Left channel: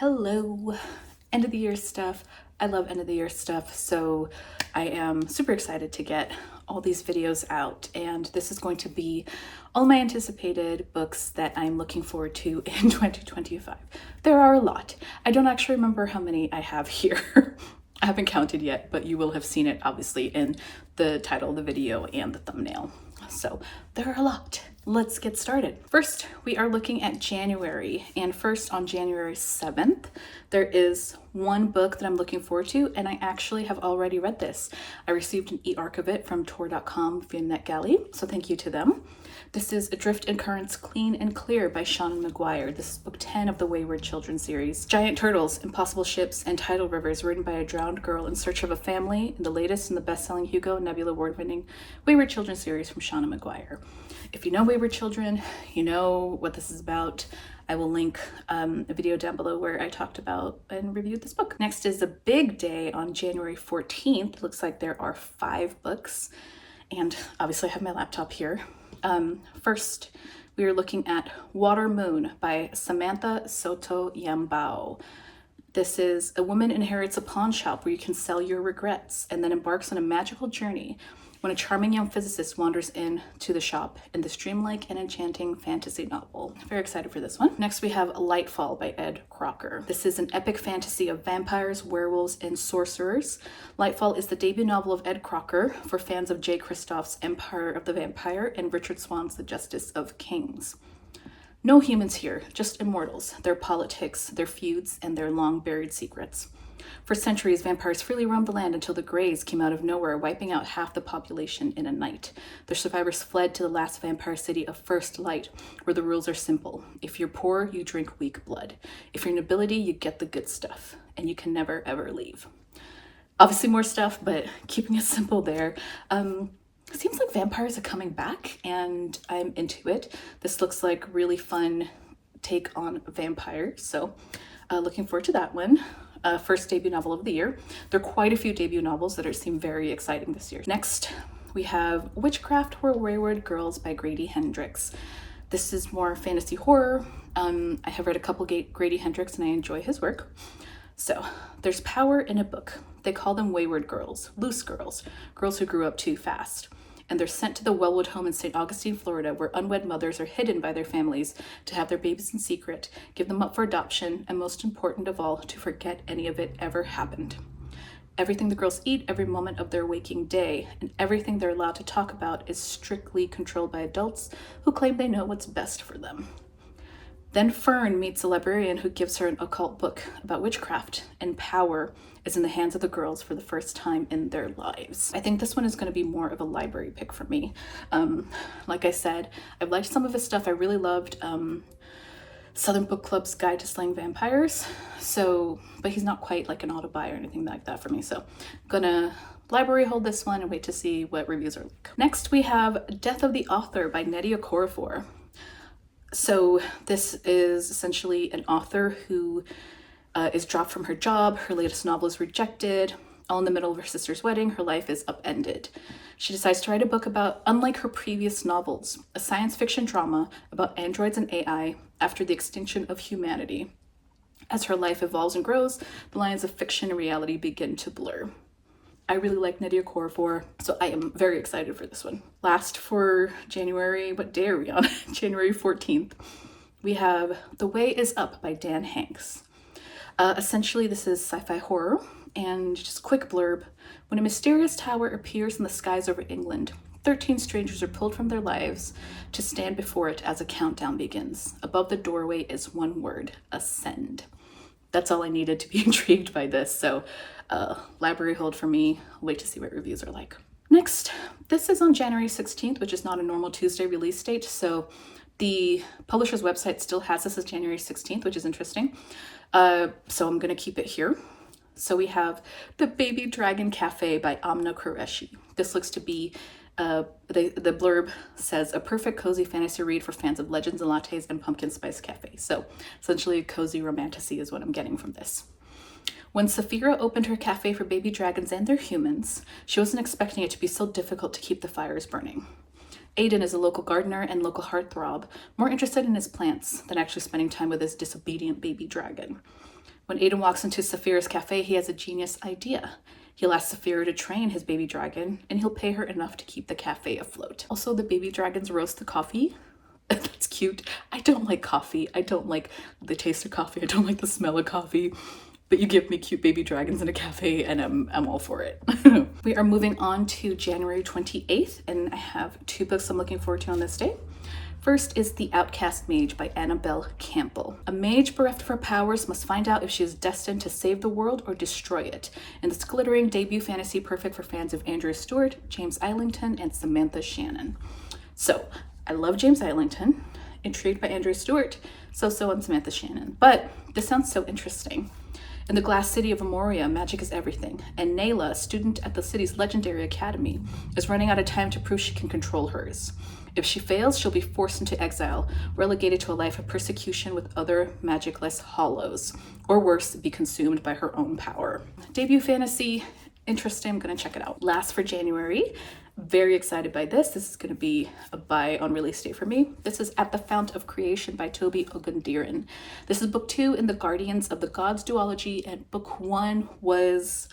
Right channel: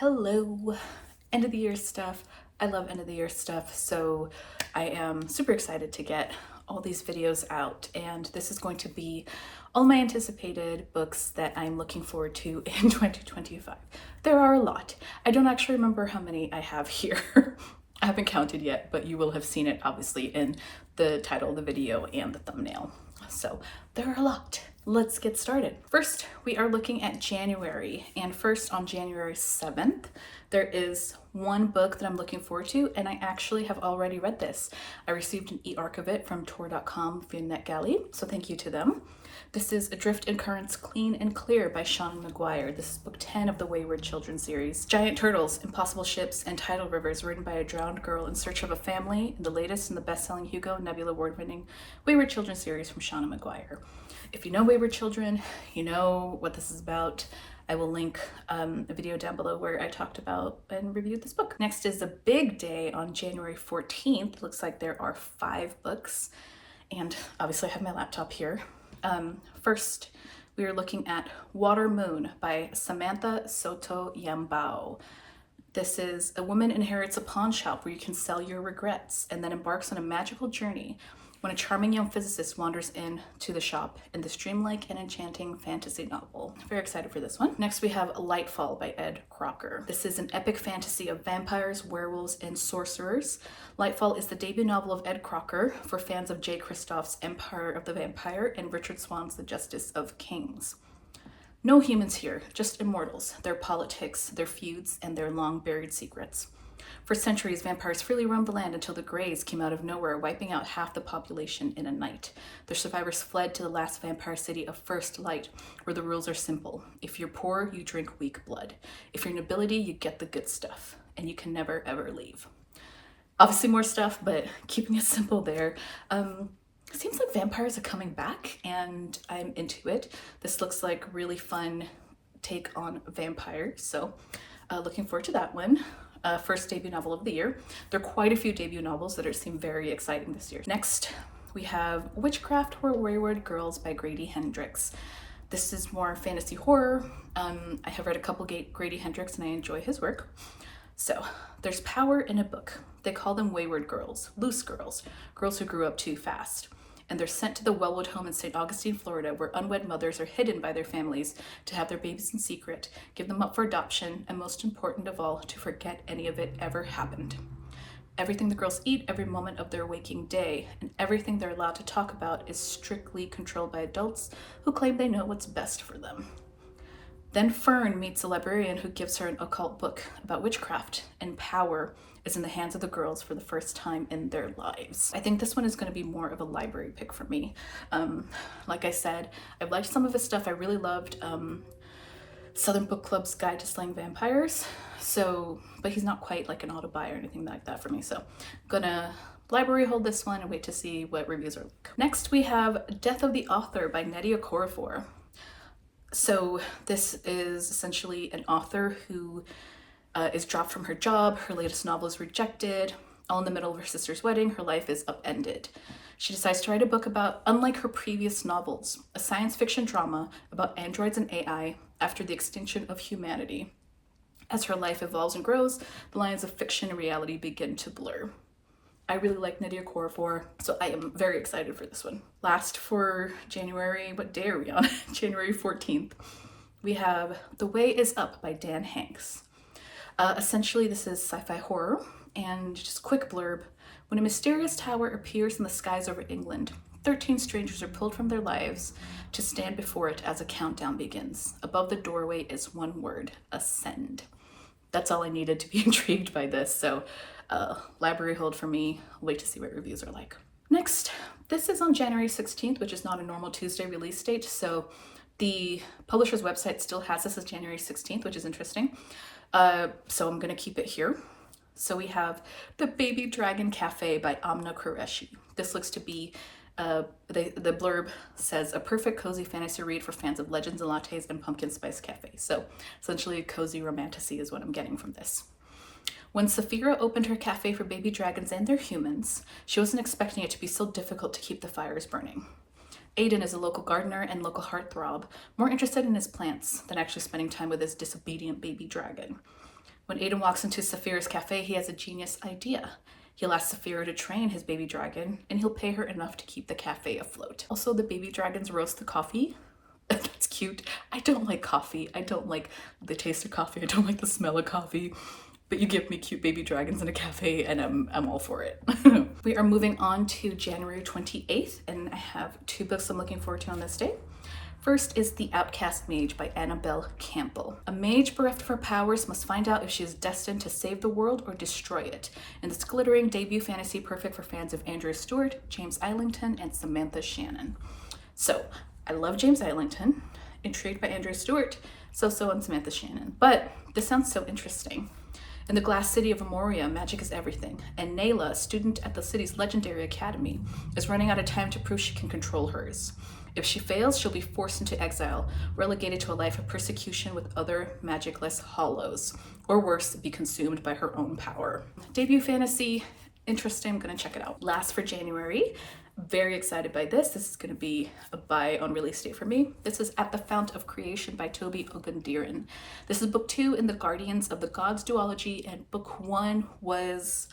Hello, end of the year stuff. I love end of the year stuff, so I am super excited to get all these videos out, and this is going to be all my anticipated books that I'm looking forward to in 2025. There are a lot. I don't actually remember how many I have here. I haven't counted yet, but you will have seen it obviously in the title of the video and the thumbnail. So there are a lot. Let's get started. First, we are looking at January, and first on January 7th, there is one book that I'm looking forward to, and I actually have already read this. I received an e-arc of it from Tor.com via NetGalley, so thank you to them. This is Adrift and Currents Clean and Clear by Seanan and McGuire. This is book 10 of the Wayward children's series. Giant turtles, impossible ships, and tidal rivers written by a drowned girl in search of a family in the latest in the best-selling Hugo Nebula award-winning Wayward children's series from Seanan and McGuire. If you know Wayward children, you know what this is about. I will link a video down below where I talked about and reviewed this book. Next is the big day on January 14th. Looks like there are 5 books, and obviously I have my laptop here. First, we are looking at Water Moon by Samantha Sotto Yambao. This is a woman inherits a pawn shop where you can sell your regrets and then embarks on a magical journey when a charming young physicist wanders into the shop in this dreamlike and enchanting fantasy novel. Very excited for this one. Next, we have Lightfall by Ed Crocker. This is an epic fantasy of vampires, werewolves, and sorcerers. Lightfall is the debut novel of Ed Crocker for fans of J. Kristoff's Empire of the Vampire and Richard Swan's The Justice of Kings. No humans here, just immortals, their politics, their feuds, and their long-buried secrets. For centuries, vampires freely roamed the land until the Greys came out of nowhere, wiping out half the population in a night. The survivors fled to the last vampire city of First Light, where the rules are simple. If you're poor, you drink weak blood. If you're nobility, you get the good stuff, and you can never, ever leave. Obviously more stuff, but keeping it simple there. It seems like vampires are coming back, and I'm into it. This looks like really fun take on vampires, so looking forward to that one. First debut novel of the year. There are quite a few debut novels that seem very exciting this year. Next, we have Witchcraft or Wayward Girls by Grady Hendrix. This is more fantasy horror. I have read a couple Grady Hendrix and I enjoy his work. So, there's power in a book. They call them wayward girls, loose girls, girls who grew up too fast. And they're sent to the Wellwood home in St. Augustine, Florida, where unwed mothers are hidden by their families to have their babies in secret, give them up for adoption, and most important of all, to forget any of it ever happened. Everything the girls eat every moment of their waking day, and everything they're allowed to talk about is strictly controlled by adults who claim they know what's best for them. Then Fern meets a librarian who gives her an occult book about witchcraft, and power is in the hands of the girls for the first time in their lives. I think this one is going to be more of a library pick for me. Like I said, I've liked some of his stuff. I really loved Southern Book Club's Guide to Slaying Vampires, but he's not quite like an auto-buy or anything like that for me, so I'm gonna library hold this one and wait to see what reviews are like. Next, we have Death of the Author by Nnedi Okorafor. So this is essentially an author who is dropped from her job. Her latest novel is rejected. All in the middle of her sister's wedding, her life is upended. She decides to write a book about, unlike her previous novels, a science fiction drama about androids and AI after the extinction of humanity. As her life evolves and grows, the lines of fiction and reality begin to blur. I really like Nnedi Okorafor, so I am very excited for this one. Last for January, what day are we on? January 14th. We have The Way Is Up by Dan Hanks. Essentially, this is sci-fi horror, and just quick blurb. When a mysterious tower appears in the skies over England, 13 strangers are pulled from their lives to stand before it as a countdown begins. Above the doorway is one word: ascend. That's all I needed to be intrigued by this, so library hold for me. Wait to see what reviews are like. Next, this is on January 16th, which is not a normal Tuesday release date, so the publisher's website still has this as January 16th, which is interesting. So I'm gonna keep it here. So we have The Baby Dragon Cafe by Aamna Qureshi. This looks to be, the blurb says, a perfect cozy fantasy read for fans of legends and lattes and pumpkin spice cafe. So essentially a cozy romantasy is what I'm getting from this. When Saphira opened her cafe for baby dragons and their humans, she wasn't expecting it to be so difficult to keep the fires burning. Aiden is a local gardener and local heartthrob, more interested in his plants than actually spending time with his disobedient baby dragon. When Aiden walks into Saphira's cafe, he has a genius idea. He'll ask Saphira to train his baby dragon, and he'll pay her enough to keep the cafe afloat. Also, the baby dragons roast the coffee. That's cute. I don't like coffee. I don't like the taste of coffee. I don't like the smell of coffee. But you give me cute baby dragons in a cafe and I'm all for it. We are moving on to January 28th, and I have 2 books I'm looking forward to on this day. First is The Outcast Mage by Annabel Campbell. A mage bereft of her powers must find out if she is destined to save the world or destroy it. In this glittering debut fantasy perfect for fans of Andrew Stewart, James Islington, and Samantha Shannon. So, I love James Islington, intrigued by Andrew Stewart, so on Samantha Shannon. But this sounds so interesting. In the glass city of Amoria, magic is everything, and Nayla, a student at the city's legendary academy, is running out of time to prove she can control hers. If she fails, she'll be forced into exile, relegated to a life of persecution with other magicless hollows, or worse, be consumed by her own power. Debut fantasy, interesting, I'm gonna check it out. Last for January, very excited by this. This is gonna be a buy on release day for me. This is At the Fount of Creation by Tobi Ogundiran. This is book 2 in the Guardians of the Gods duology, and book 1 was,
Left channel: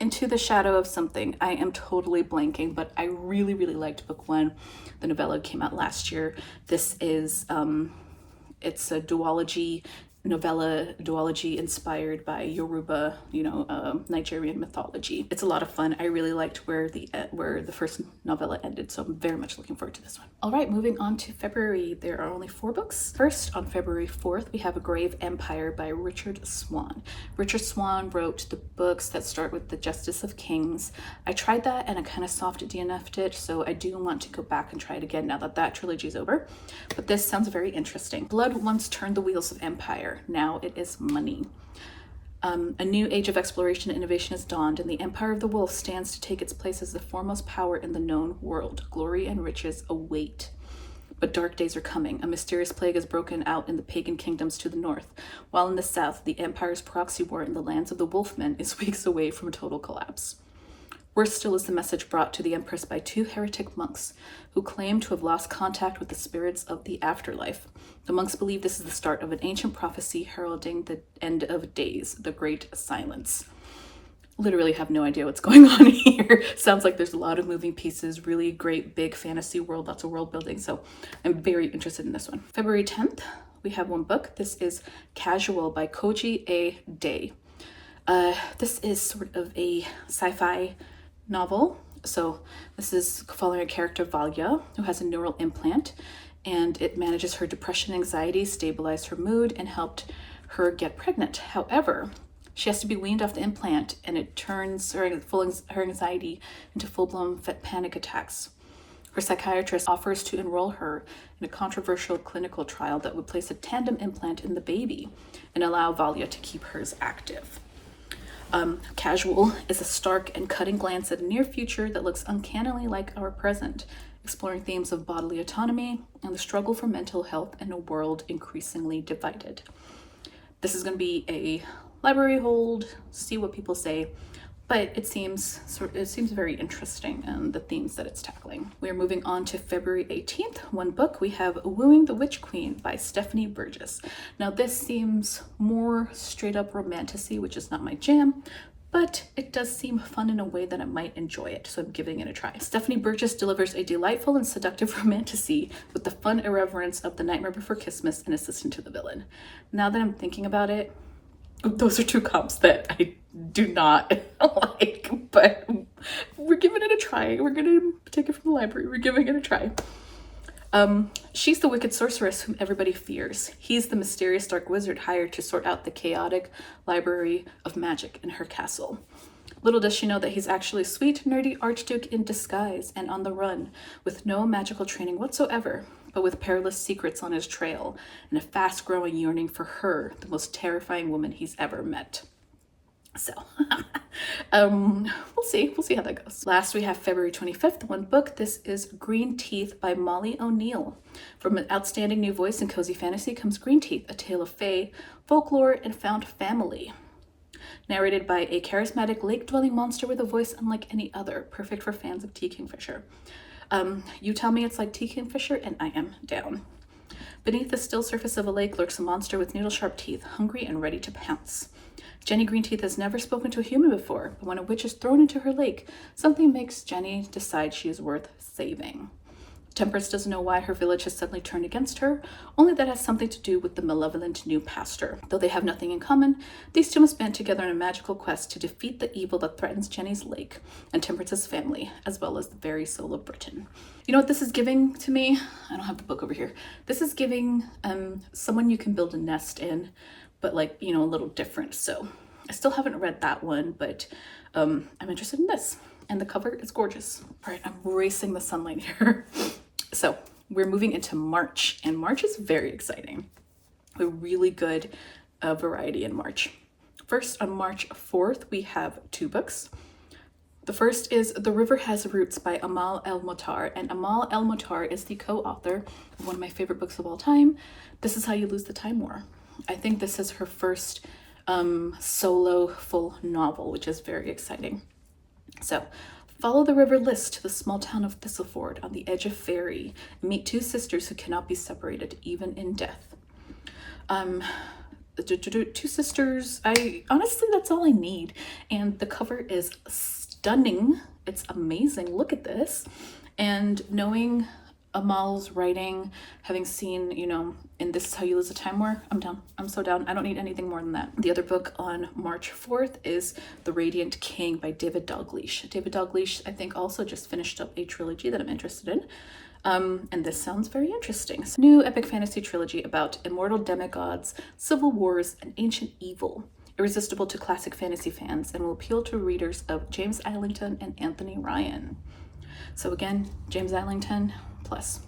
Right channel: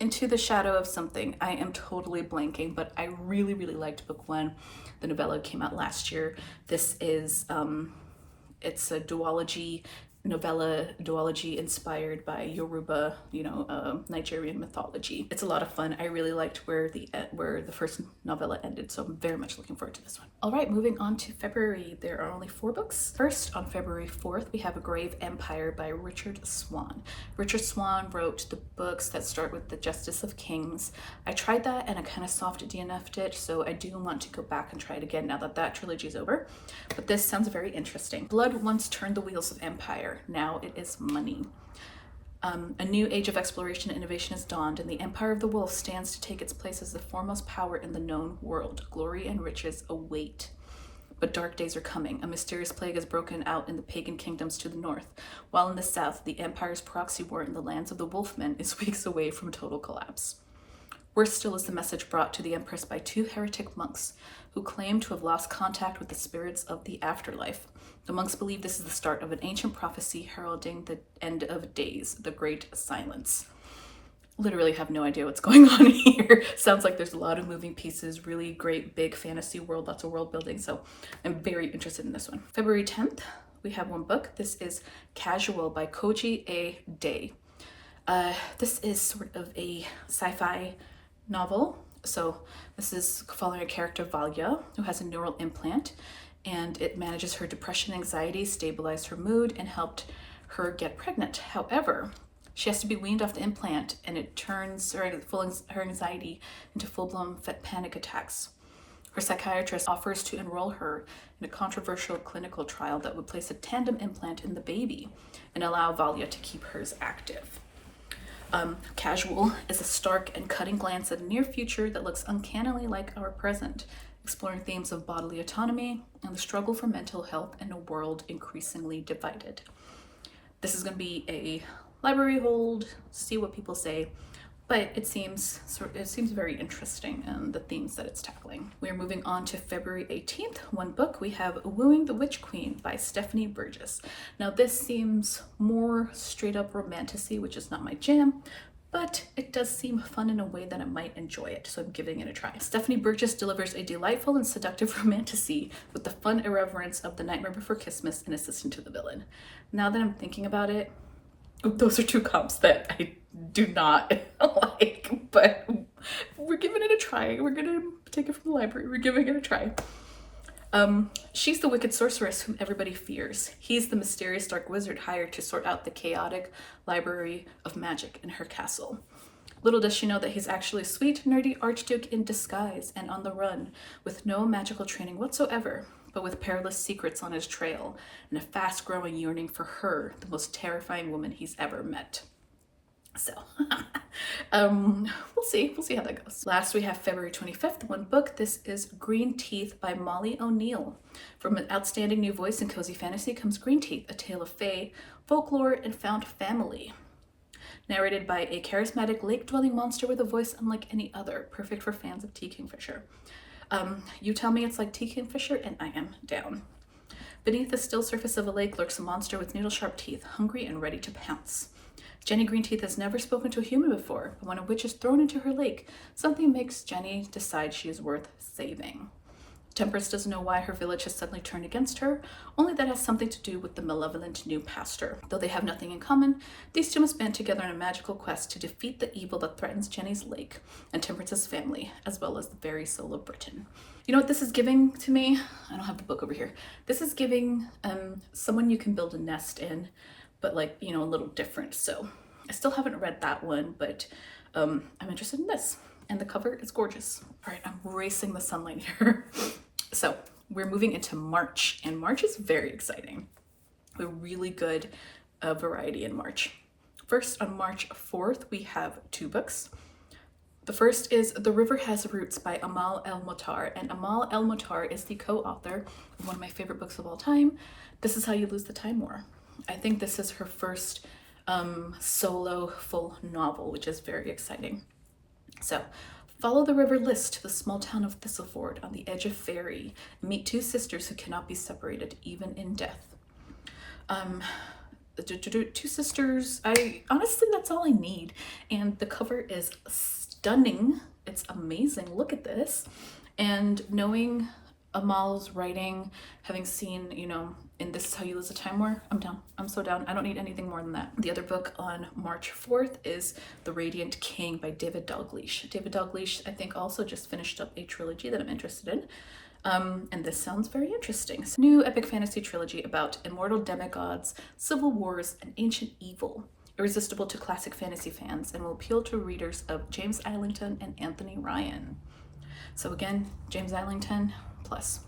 Into the Shadow of something. I am totally blanking, but I really liked book 1. The novella came out last year. This is, it's a duology inspired by Yoruba, Nigerian mythology. It's a lot of fun. I really liked where the first novella ended, so I'm very much looking forward to this one. All right, moving on to February. There are only 4 books. First, on February 4th, we have A Grave Empire by Richard Swan. Richard Swan wrote the books that start with The Justice of Kings. I tried that and I kind of soft DNF'd it, so I do want to go back and try it again now that that trilogy is over. But this sounds very interesting. Blood once turned the wheels of empire. Now it is money. A new age of exploration and innovation has dawned, and the Empire of the Wolf stands to take its place as the foremost power in the known world. Glory and riches await. But dark days are coming. A mysterious plague has broken out in the pagan kingdoms to the north, while in the south, the Empire's proxy war in the lands of the Wolfmen is weeks away from total collapse. Worse still is the message brought to the Empress by 2 heretic monks who claim to have lost contact with the spirits of the afterlife. The monks believe this is the start of an ancient prophecy heralding the end of days, the Great Silence. Literally have no idea what's going on here. Sounds like there's a lot of moving pieces, really great big fantasy world, lots of world building, so I'm very interested in this one. February 10th, we have 1 book. This is Casual by Koji A. This is sort of a sci-fi novel. So this is following a character, Valya, who has a neural implant, and it manages her depression and anxiety, stabilized her mood, and helped her get pregnant. However, she has to be weaned off the implant, and it turns her anxiety into full-blown panic attacks. Her psychiatrist offers to enroll her in a controversial clinical trial that would place a tandem implant in the baby and allow Valya to keep hers active. Casual is a stark and cutting glance at a near future that looks uncannily like our present, exploring themes of bodily autonomy and the struggle for mental health in a world increasingly divided. This is going to be a library hold, see what people say, but it seems very interesting and the themes that it's tackling. We are moving on to February 18th. 1 book, we have Wooing the Witch Queen by Stephanie Burgis. Now this seems more straight up romantasy, which is not my jam, but it does seem fun in a way that I might enjoy it, so I'm giving it a try. Stephanie Burgis delivers a delightful and seductive romantasy with the fun irreverence of The Nightmare Before Christmas and Assistant to the Villain. Now that I'm thinking about it, those are 2 comps that I do not like, but we're giving it a try. We're gonna take it from the library. We're giving it a try. She's the wicked sorceress whom everybody fears. He's the mysterious dark wizard hired to sort out the chaotic library of magic in her castle. Little does she know that he's actually a sweet, nerdy archduke in disguise and on the run, with no magical training whatsoever, but with perilous secrets on his trail and a fast-growing yearning for her, the most terrifying woman he's ever met. So, we'll see how that goes. Last, we have February 25th, 1 book. This is Greenteeth by Molly O'Neill. From an outstanding new voice in cozy fantasy comes Greenteeth, a tale of fae, folklore, and found family. Narrated by a charismatic lake-dwelling monster with a voice unlike any other, perfect for fans of T. Kingfisher. You tell me it's like T. Kingfisher, and I am down. Beneath the still surface of a lake lurks a monster with needle-sharp teeth, hungry and ready to pounce. Jenny Greenteeth has never spoken to a human before, but when a witch is thrown into her lake, something makes Jenny decide she is worth saving. Temperance doesn't know why her village has suddenly turned against her, only that has something to do with the malevolent new pastor. Though they have nothing in common, these two must band together in a magical quest to defeat the evil that threatens Jenny's lake and Temperance's family, as well as the very soul of Britain. You know what this is giving to me? I don't have the book over here. This is giving someone you can build a nest in, but like, you know, a little different. So I still haven't read that one, but I'm interested in this. And the cover is gorgeous. All right, I'm racing the sunlight here. So we're moving into March, and March is very exciting. A really good variety in March. First, on March 4th, we have 2 books. The first is The River Has Roots by El-Mohtar, and El-Mohtar is the co-author of one of my favorite books of all time, This Is How You Lose the Time War. I think this is her first solo full novel, which is very exciting. So, follow the river List to the small town of Thistleford on the edge of Fairy and meet 2 sisters who cannot be separated, even in death. 2 sisters, honestly, that's all I need. And the cover is stunning. It's amazing. Look at this. And knowing Amal's writing, having seen, you know, in This Is How You Lose the Time War, I'm down. I'm so down. I don't need anything more than that. The other book on March 4th is The Radiant King by David Dalgleish. David Dalgleish, I think, also just finished up a trilogy that I'm interested in. And this sounds very interesting. So, new epic fantasy trilogy about immortal demigods, civil wars, and ancient evil. Irresistible to classic fantasy fans and will appeal to readers of James Islington and Anthony Ryan. So again, James Islington plus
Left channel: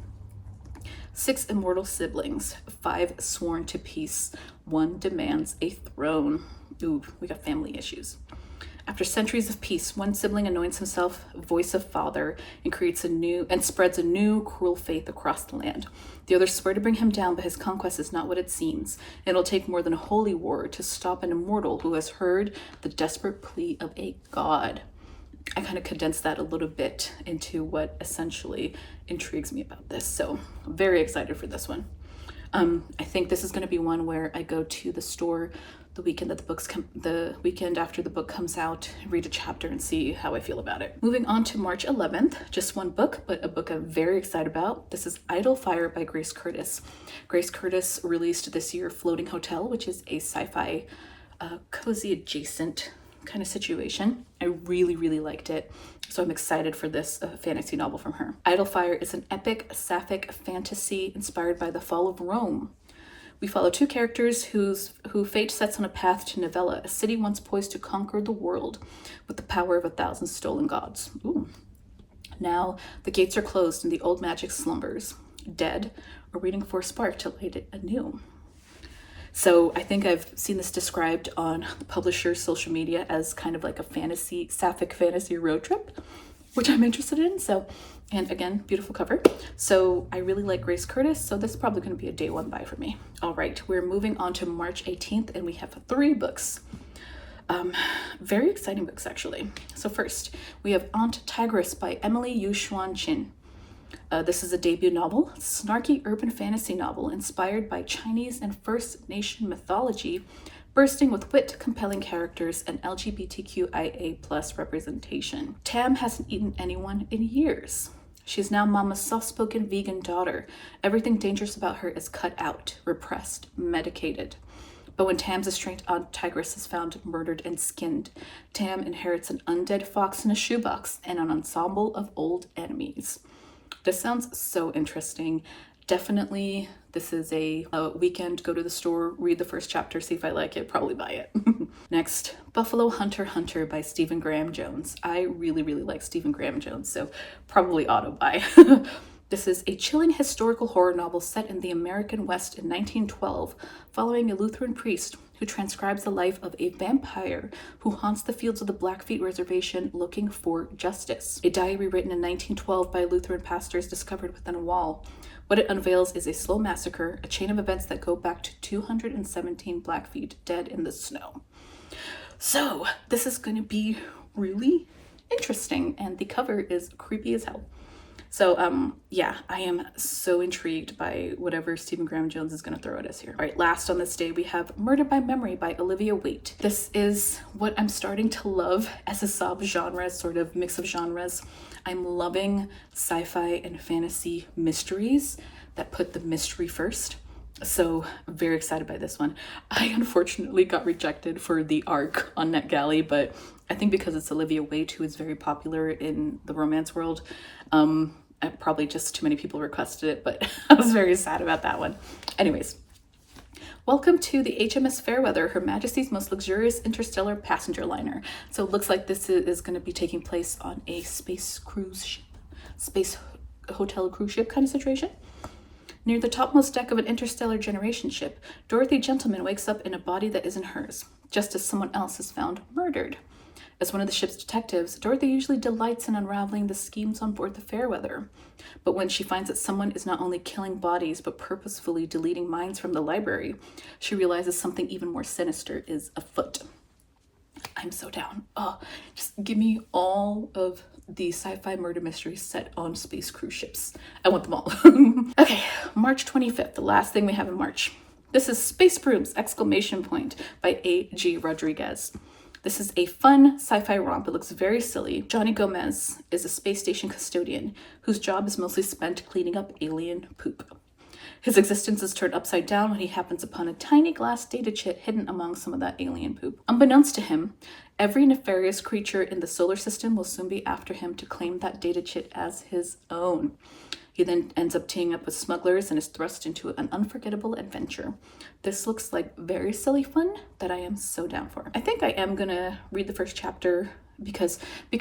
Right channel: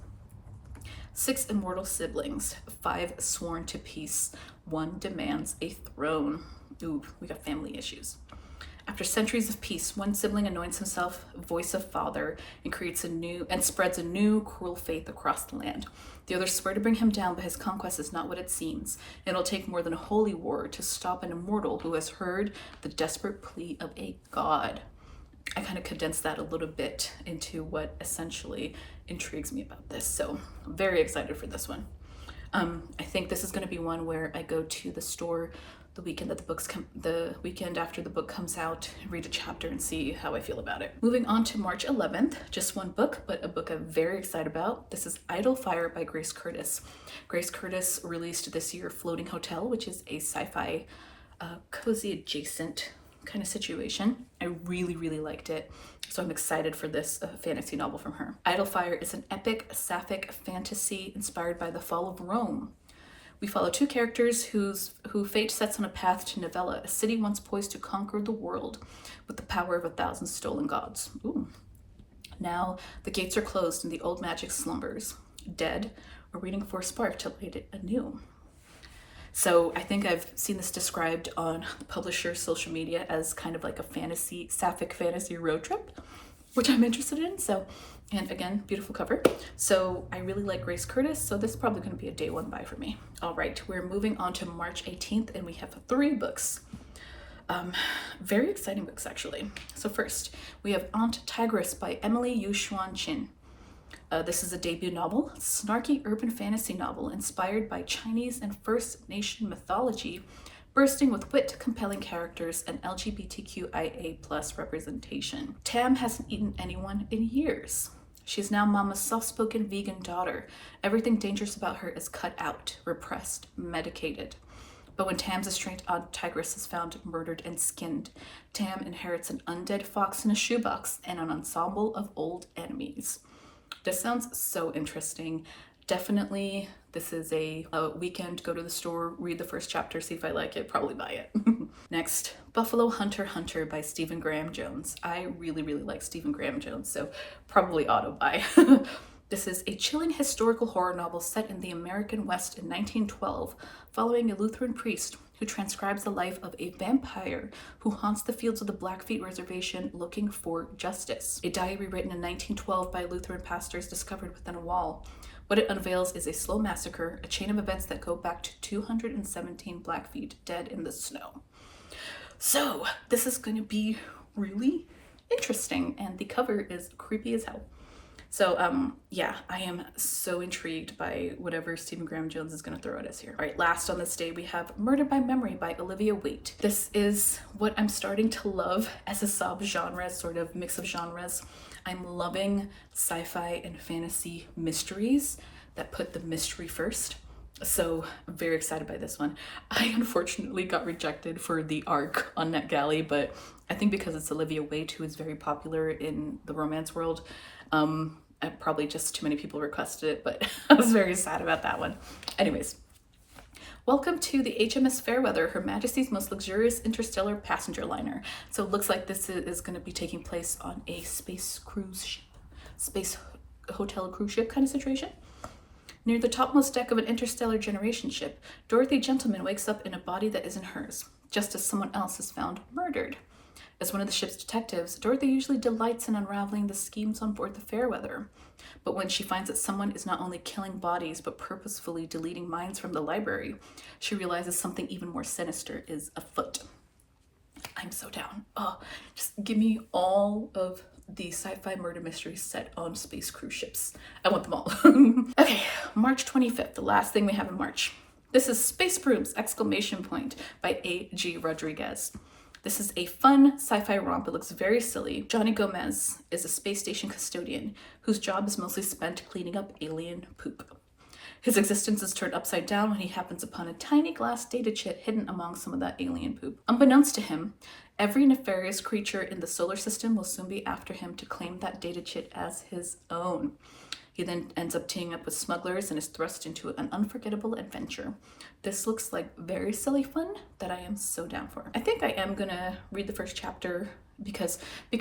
6 immortal siblings, 5 sworn to peace, 1 demands a throne. Ooh, we got family issues. After centuries of peace, 1 sibling anoints himself voice of father and spreads a new cruel faith across the land. The others swear to bring him down, but his conquest is not what it seems. It'll take more than a holy war to stop an immortal who has heard the desperate plea of a god. I kind of condensed that a little bit into what essentially intrigues me about this. So I'm very excited for this one. I think this is going to be one where I go to the store the weekend after the book comes out, read a chapter and see how I feel about it. Moving on to March 11th, just 1 book, but a book I'm very excited about. This is Idle Fire by Grace Curtis. Grace Curtis released this year Floating Hotel, which is a sci-fi cozy adjacent kind of situation. I really, really liked it. So I'm excited for this fantasy novel from her. Idle Fire is an epic sapphic fantasy inspired by the fall of Rome. We follow 2 characters who fate sets on a path to Novella, a city once poised to conquer the world with the power of 1,000 stolen gods. Ooh. Now the gates are closed and the old magic slumbers, dead or waiting for a spark to light it anew. So I think I've seen this described on the publisher's social media as kind of like a sapphic fantasy road trip, which I'm interested in. So, and again, beautiful cover. So I really like Grace Curtis, so this is probably going to be a day 1 buy for me. All right, we're moving on to March 18th, and we have 3 books. Very exciting books, actually. So first, we have Aunt Tigress by Emily Yu-Xuan Chin. This is a debut novel, snarky urban fantasy novel inspired by Chinese and First Nation mythology, bursting with wit, compelling characters, and LGBTQIA+ representation. Tam hasn't eaten anyone in years. She's now Mama's soft-spoken vegan daughter. Everything dangerous about her is cut out, repressed, medicated. But when Tam's estranged Aunt Tigress is found murdered and skinned, Tam inherits an undead fox in a shoebox and an ensemble of old enemies. This sounds so interesting. Definitely, this is a weekend, go to the store, read the first chapter, see if I like it, probably buy it. Next, Buffalo Hunter by Stephen Graham Jones. I really, really like Stephen Graham Jones, so probably auto buy. This is a chilling historical horror novel set in the American West in 1912, following a Lutheran priest who transcribes the life of a vampire who haunts the fields of the Blackfeet Reservation looking for justice. A diary written in 1912 by Lutheran pastors discovered within a wall. What it unveils is a slow massacre, a chain of events that go back to 217 Blackfeet dead in the snow. So this is going to be really interesting, and the cover is creepy as hell. So yeah, I am so intrigued by whatever Stephen Graham Jones is going to throw at us here. All right, last on this day we have Murder by Memory by Olivia Waite. This is what I'm starting to love as a sub-genre, sort of mix of genres. I'm loving sci-fi and fantasy mysteries that put the mystery first. So I'm very excited by this one. I unfortunately got rejected for the arc on NetGalley, but I think because it's Olivia Waite, who is very popular in the romance world, probably just too many people requested it, but I was very sad about that one. Anyways, welcome to the HMS Fairweather, Her Majesty's most luxurious interstellar passenger liner. So it looks like this is going to be taking place on a space cruise ship, space hotel cruise ship kind of situation. Near the topmost deck of an interstellar generation ship, Dorothy Gentleman wakes up in a body that isn't hers, just as someone else is found murdered. As one of the ship's detectives, Dorothy usually delights in unraveling the schemes on board the Fairweather. But when she finds that someone is not only killing bodies, but purposefully deleting minds from the library, she realizes something even more sinister is afoot. I'm so down. Oh, just give me all of the sci-fi murder mysteries set on space cruise ships. I want them all. Okay, March 25th, the last thing we have in March. This is Space Brooms! By A.G. Rodriguez. This is a fun sci-fi romp. It looks very silly. Johnny Gomez is a space station custodian whose job is mostly spent cleaning up alien poop. His existence is turned upside down when he happens upon a tiny glass data chip hidden among some of that alien poop. Unbeknownst to him, every nefarious creature in the solar system will soon be after him to claim that data chip as his own. He then ends up teaming up with smugglers and is thrust into an unforgettable adventure. This looks like very silly fun that I am so down for. I think I am gonna read the first chapter because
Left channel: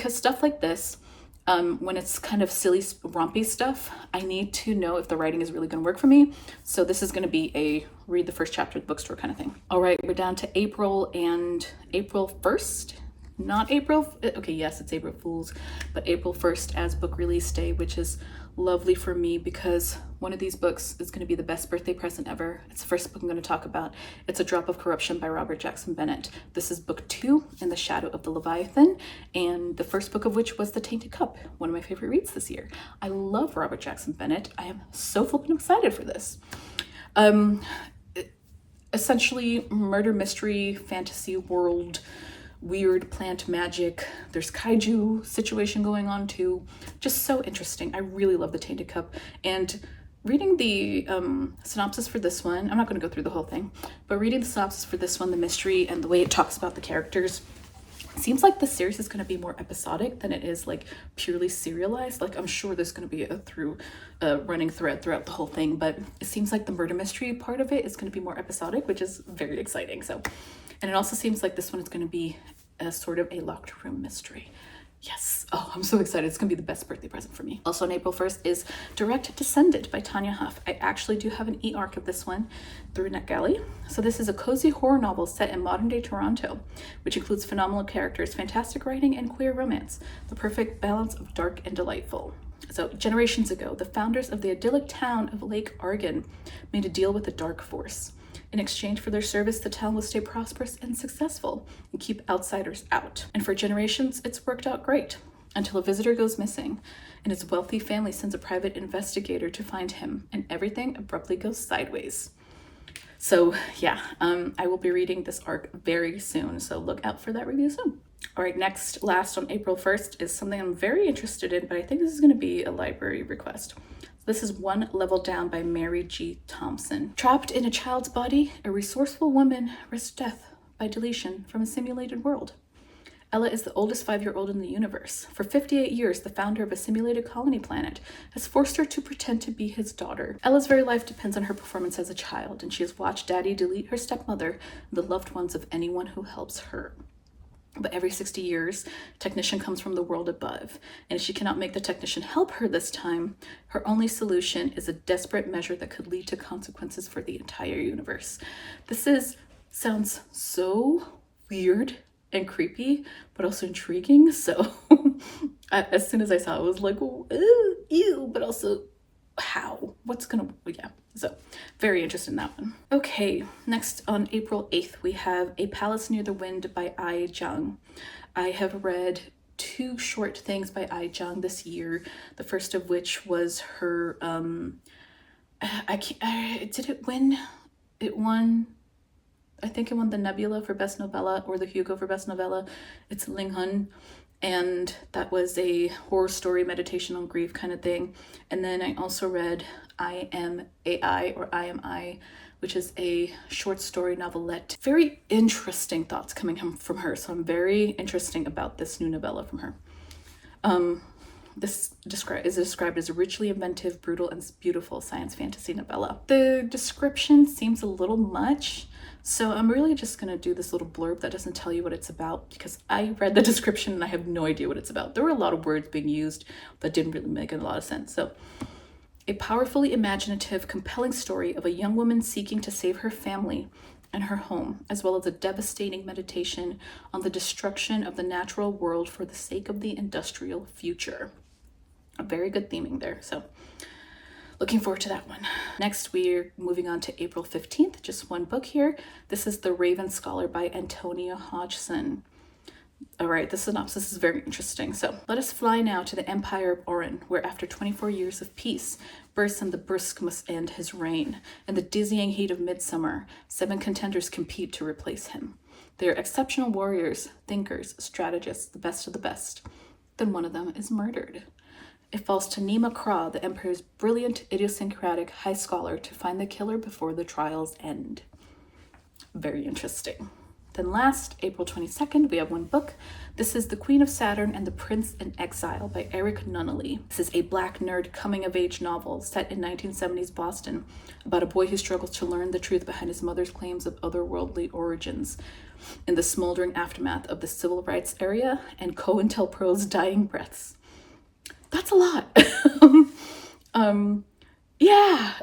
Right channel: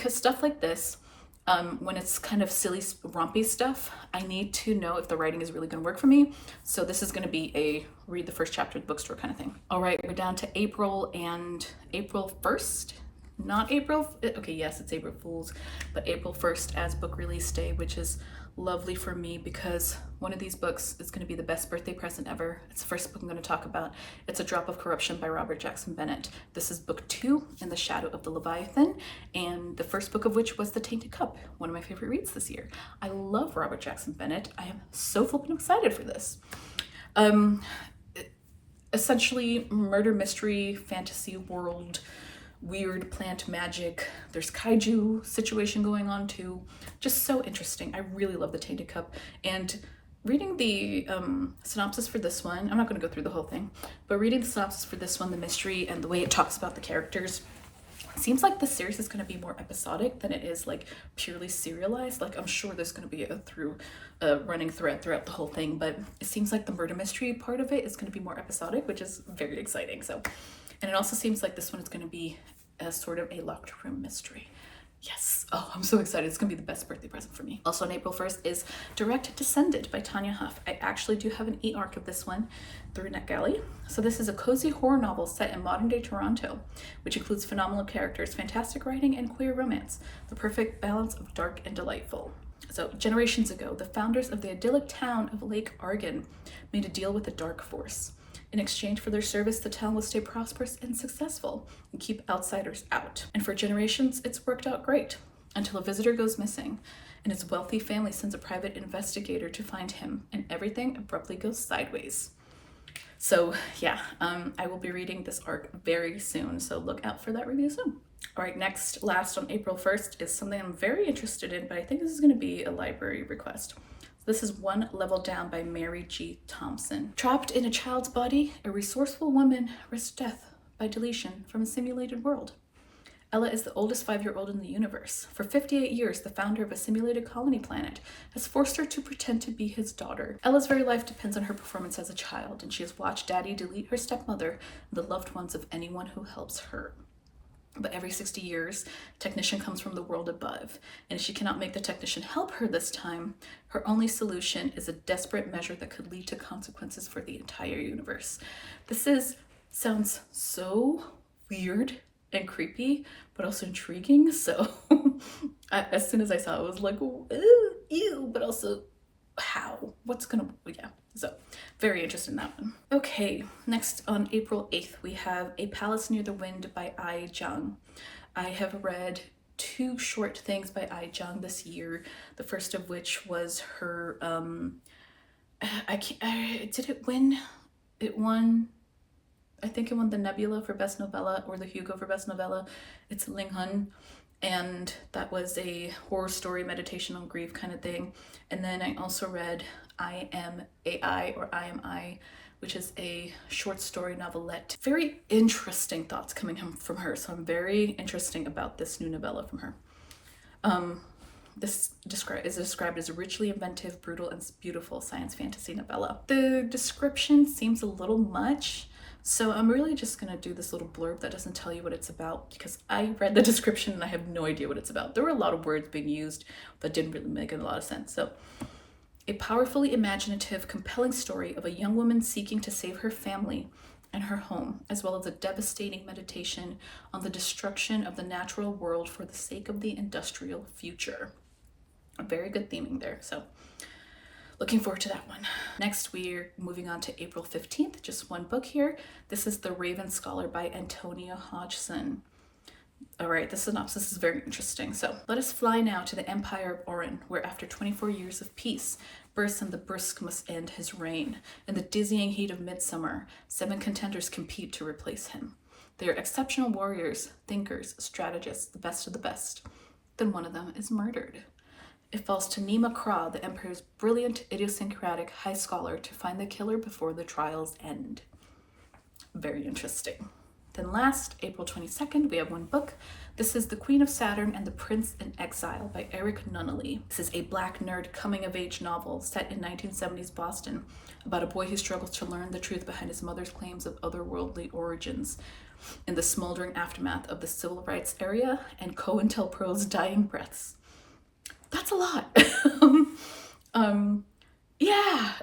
stuff like this, when it's kind of silly, rompy stuff, I need to know if the writing is really going to work for me. So this is going to be a read the first chapter at the bookstore kind of thing. All right, we're down to April and April 1st. Not April, okay, yes, it's April Fool's, but April 1st as book release day, which is lovely for me because one of these books is going to be the best birthday present ever. It's the first book I'm going to talk about. It's A Drop of Corruption by Robert Jackson Bennett. This is book 2, In the Shadow of the Leviathan, and the first book of which was The Tainted Cup, one of my favorite reads this year. I love Robert Jackson Bennett. I am so flippin' excited for this. Essentially, murder mystery, fantasy world, weird plant magic. There's kaiju situation going on too. Just so interesting. I really love The Tainted Cup. And reading the synopsis for this one, I'm not going to go through the whole thing, but reading the synopsis for this one, the mystery and the way it talks about the characters, seems like the series is going to be more episodic than it is like purely serialized. Like I'm sure there's going to be a running thread throughout the whole thing, but it seems like the murder mystery part of it is going to be more episodic, which is very exciting. So, and it also seems like this one is going to be a sort of a locked room mystery. Yes. Oh, I'm so excited. It's going to be the best birthday present for me. Also on April 1st is Direct Descendant by Tanya Huff. I actually do have an e-arc of this one through NetGalley. So this is a cozy horror novel set in modern day Toronto, which includes phenomenal characters, fantastic writing, and queer romance. The perfect balance of dark and delightful. So generations ago, the founders of the idyllic town of Lake Argan made a deal with the dark force. In exchange for their service, the town will stay prosperous and successful and keep outsiders out. And for generations, it's worked out great until a visitor goes missing and its wealthy family sends a private investigator to find him and everything abruptly goes sideways. So yeah, I will be reading this arc very soon, so look out for that review soon. All right, last on April 1st is something I'm very interested in, but I think this is going to be a library request. This is One Level Down by Mary G. Thompson. Trapped in a child's body, a resourceful woman risks death by deletion from a simulated world. Ella is the oldest 5-year-old in the universe. For 58 years, the founder of a simulated colony planet has forced her to pretend to be his daughter. Ella's very life depends on her performance as a child, and she has watched Daddy delete her stepmother and the loved ones of anyone who helps her. But every 60 years, a technician comes from the world above, and if she cannot make the technician help her this time, her only solution is a desperate measure that could lead to consequences for the entire universe. Sounds so weird and creepy, but also intriguing. So as soon as I saw it, I was like, ew, but also how? So very interested in that one. Okay, next on April 8th, we have A Palace Near the Wind by Ai Zhang. I have read 2 short things by Ai Zhang this year. The first of which was her, did it win? It won, I think it won the Nebula for Best Novella or the Hugo for Best Novella. It's Ling Hun. And that was a horror story, meditation on grief kind of thing. And then I also read I Am AI, or I Am I, which is a short story novelette. Very interesting thoughts coming from her. So I'm very interested about this new novella from her. This is described as a richly inventive, brutal, and beautiful science fantasy novella. The description seems a little much, so I'm really just gonna do this little blurb that doesn't tell you what it's about, because I read the description and I have no idea what it's about. There were a lot of words being used that didn't really make a lot of sense. So, a powerfully imaginative, compelling story of a young woman seeking to save her family and her home, as well as a devastating meditation on the destruction of the natural world for the sake of the industrial future. A very good theming there, so looking forward to that one. Next, we're moving on to April 15th, just one book here. This is The Raven Scholar by Antonia Hodgson. All right, the synopsis is very interesting. So let us fly now to the Empire of Orin, where after 24 years of peace, Burson the Brusque must end his reign. In the dizzying heat of midsummer, 7 contenders compete to replace him. They are exceptional warriors, thinkers, strategists, the best of the best. Then one of them is murdered. It falls to Nima Kra, the Emperor's brilliant, idiosyncratic high scholar, to find the killer before the trials end. Very interesting. Then last, April 22nd, we have one book. This is The Queen of Saturn and the Prince in Exile by Eric Nunnally. This is a black nerd coming-of-age novel set in 1970s Boston about a boy who struggles to learn the truth behind his mother's claims of otherworldly origins in the smoldering aftermath of the civil rights era and COINTELPRO's dying breaths. That's a lot. Yeah,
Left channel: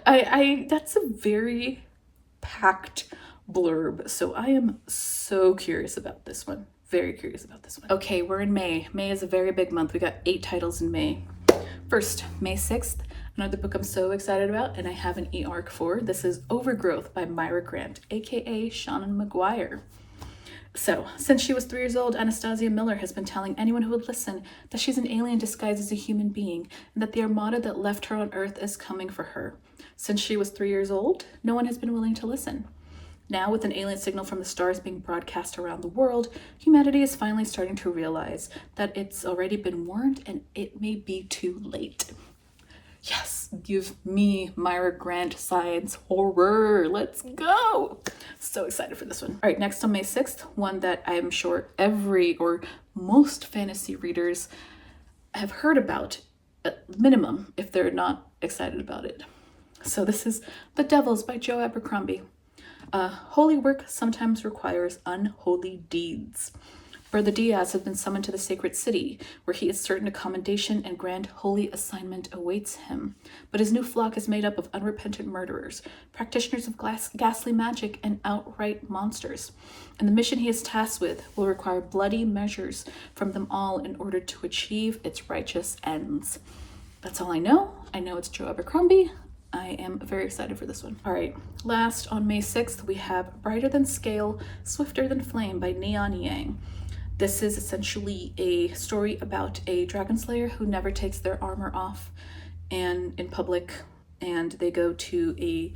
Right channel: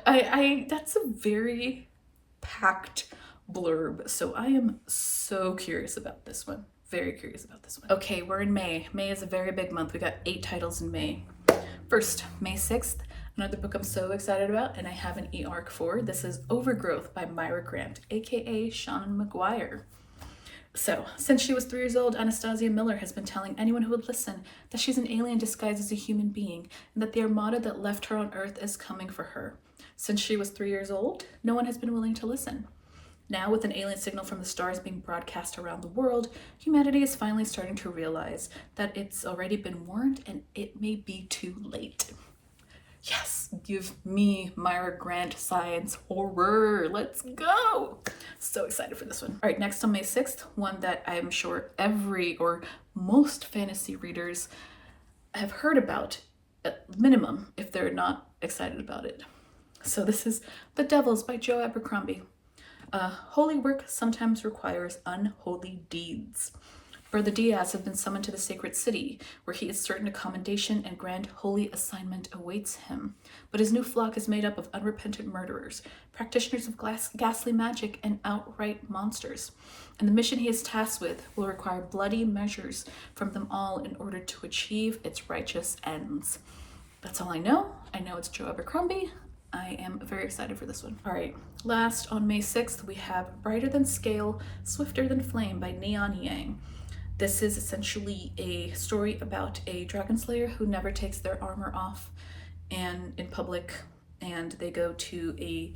that's a very packed blurb. So I am so curious about this one. Very curious about this one. Okay, we're in May. May is a very big month. We got 8 titles in May. First, May 6th, another book I'm so excited about, and I have an e-arc for. This is Overgrowth by Myra Grant, aka Seanan McGuire. So, since she was 3 years old, Anastasia Miller has been telling anyone who would listen that she's an alien disguised as a human being, and that the armada that left her on Earth is coming for her. Since she was 3 years old, no one has been willing to listen. Now, with an alien signal from the stars being broadcast around the world, humanity is finally starting to realize that it's already been warned and it may be too late. Yes, give me Myra Grant science horror. Let's go. So excited for this one. All right, next on May 6th, one that I'm sure every or most fantasy readers have heard about, at minimum, if they're not excited about it. So this is The Devils by Joe Abercrombie. Holy work sometimes requires unholy deeds. Brother Diaz has been summoned to the sacred city, where he is certain a commendation and grand holy assignment awaits him. But his new flock is made up of unrepentant murderers, practitioners of ghastly magic, and outright monsters. And the mission he is tasked with will require bloody measures from them all in order to achieve its righteous ends. That's all I know. I know it's Joe Abercrombie. I am very excited for this one. All right, last on May 6th, we have Brighter Than Scale, Swifter Than Flame by Neon Yang. This is essentially a story about a dragon slayer who never takes their armor off and in public, and they go to a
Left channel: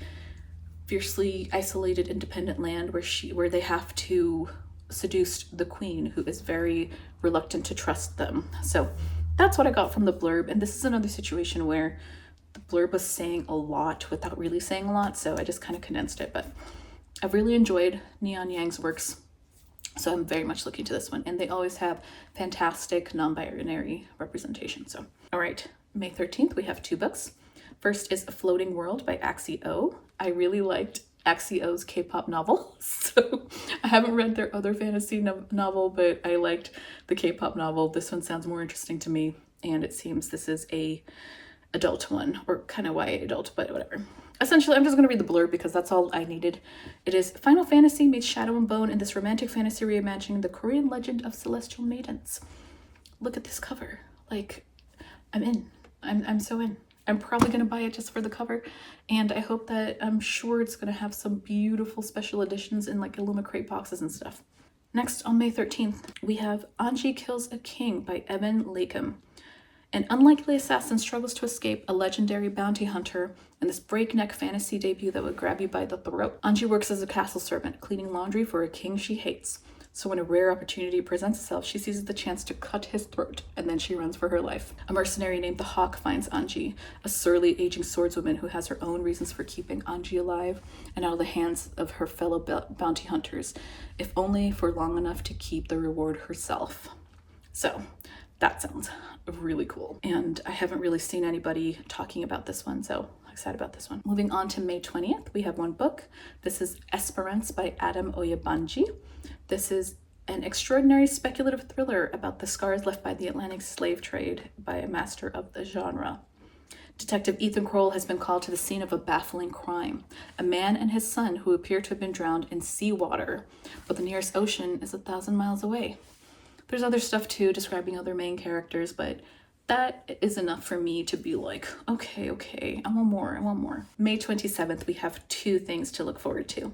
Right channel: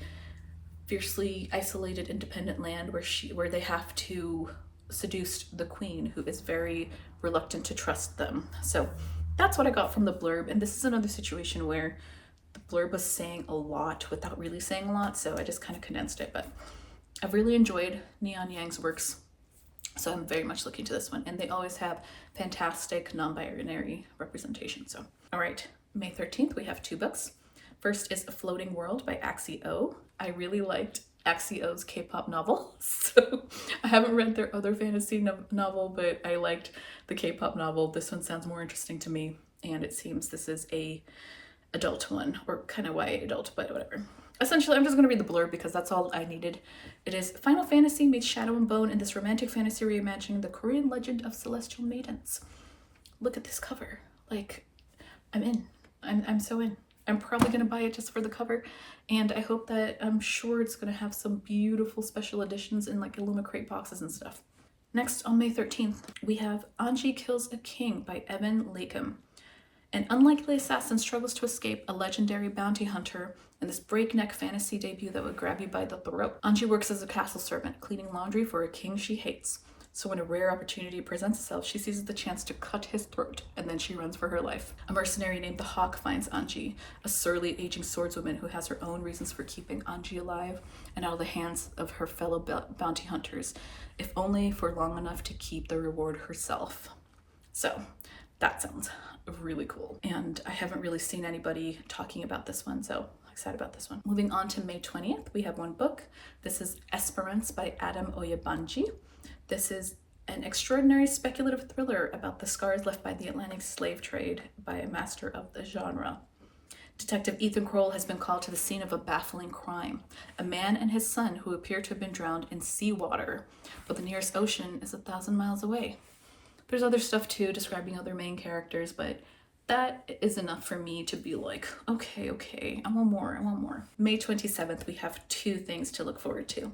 fiercely isolated independent land where they have to seduce the queen, who is very reluctant to trust them. So that's what I got from the blurb, and this is another situation where the blurb was saying a lot without really saying a lot, so I just kind of condensed it. But I've really enjoyed Neon Yang's works, so I'm very much looking to this one, and they always have fantastic non-binary representation. So, all right, May 13th, we have 2 books. First is A Floating World by Axie O. I really liked Axie O's K-pop novel, so I haven't read their other fantasy novel, but I liked the K-pop novel. This one sounds more interesting to me, and it seems this is a adult one, or kind of YA adult, but whatever. Essentially, I'm just going to read the blurb because that's all I needed. It is Final Fantasy meets Shadow and Bone in this romantic fantasy reimagining the Korean legend of celestial maidens. Look at this cover. Like, I'm in. I'm so in. I'm probably going to buy it just for the cover, and I hope that, I'm sure it's going to have some beautiful special editions in like Illuma crate boxes and stuff. Next, on May 13th, we have Anji Kills a King by Evan Lakem. An unlikely assassin struggles to escape a legendary bounty hunter in this breakneck fantasy debut that would grab you by the throat. Anji works as a castle servant, cleaning laundry for a king she hates. So when a rare opportunity presents itself, she seizes the chance to cut his throat, and then she runs for her life. A mercenary named the Hawk finds Anji, a surly, aging swordswoman who has her own reasons for keeping Anji alive and out of the hands of her fellow bounty hunters, if only for long enough to keep the reward herself. So that sounds really cool. And I haven't really seen anybody talking about this one, so I'm excited about this one. Moving on to May 20th, we have one book. This is Esperance by Adam Oyebanji. This is an extraordinary speculative thriller about the scars left by the Atlantic slave trade by a master of the genre. Detective Ethan Kroll has been called to the scene of a baffling crime. A man and his son who appear to have been drowned in seawater, but the nearest ocean is 1,000 miles away. There's other stuff too, describing other main characters, but that is enough for me to be like, okay, I want more. May 27th, we have two things to look forward to.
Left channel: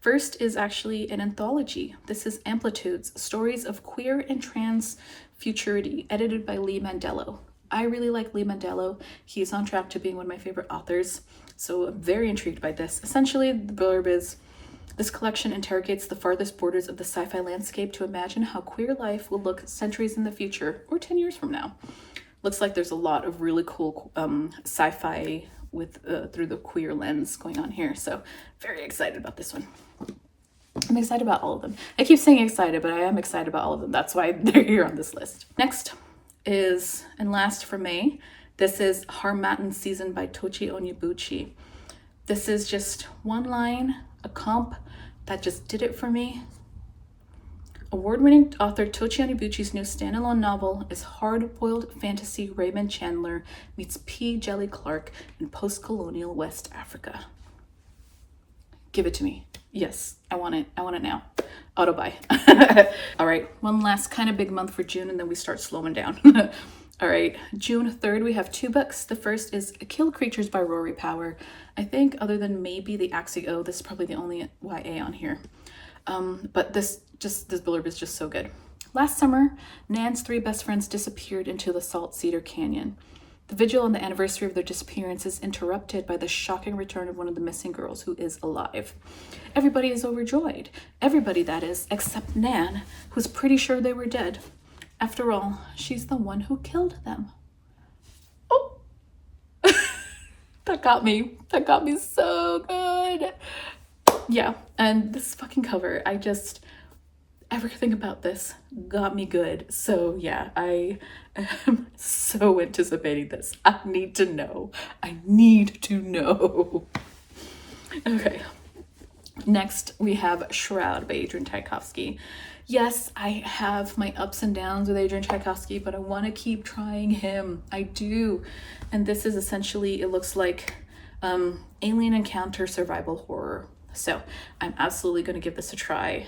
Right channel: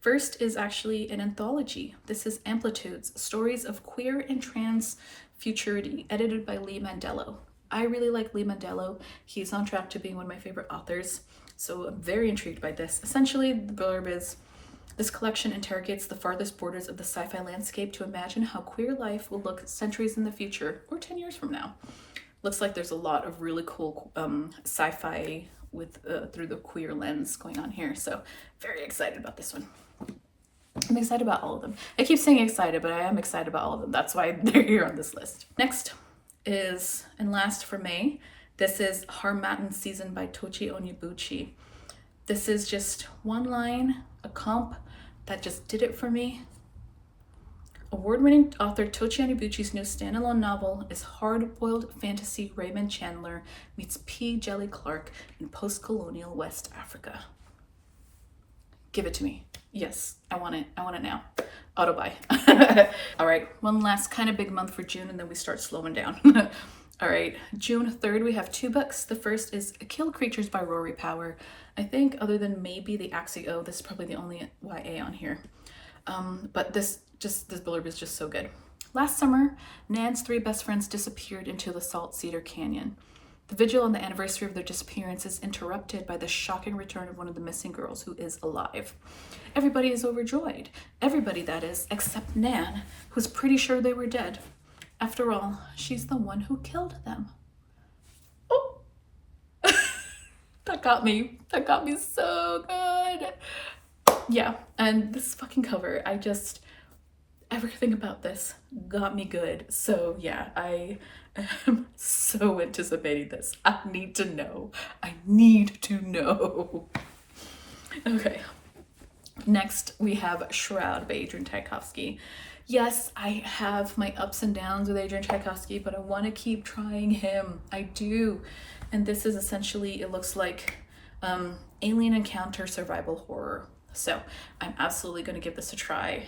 First is actually an anthology. This is Amplitudes, Stories of Queer and Trans Futurity, edited by Lee Mandello. I really like Lee Mandello. He's on track to being one of my favorite authors, so I'm very intrigued by this. Essentially, the blurb is, this collection interrogates the farthest borders of the sci-fi landscape to imagine how queer life will look centuries in the future, or 10 years from now. Looks like there's a lot of really cool sci-fi with through the queer lens going on here, so very excited about this one. I'm excited about all of them. I keep saying excited, but I am excited about all of them. That's why they're here on this list. Next is, and last for May, this is Harmattan Season by Tochi Onyebuchi. This is just one line, a comp that just did it for me. Award-winning author Tochi Onyebuchi's new standalone novel is hard-boiled fantasy Raymond Chandler meets P. Jelly Clark in post-colonial West Africa. Give it to me. Yes, I want it. I want it now. Auto buy. All right, one last kind of big month for June, and then we start slowing down. All right, June 3rd, we have two books. The first is Kill Creatures by Rory Power. I think other than maybe the Axio, this is probably the only YA on here. But this blurb is just so good. Last summer, Nan's three best friends disappeared into the Salt Cedar Canyon. The vigil on the anniversary of their disappearance is interrupted by the shocking return of one of the missing girls who is alive. Everybody is overjoyed. Everybody, that is, except Nan, who's pretty sure they were dead. After all, she's the one who killed them. Oh! That got me. That got me so good. Yeah, and this fucking cover, everything about this got me good. So yeah, I am so anticipating this. I need to know. Okay. Next, we have Shroud by Adrian Tchaikovsky. Yes, I have my ups and downs with Adrian Tchaikovsky, but I want to keep trying him. I do. And this is essentially, it looks like alien encounter survival horror. So I'm absolutely going to give this a try.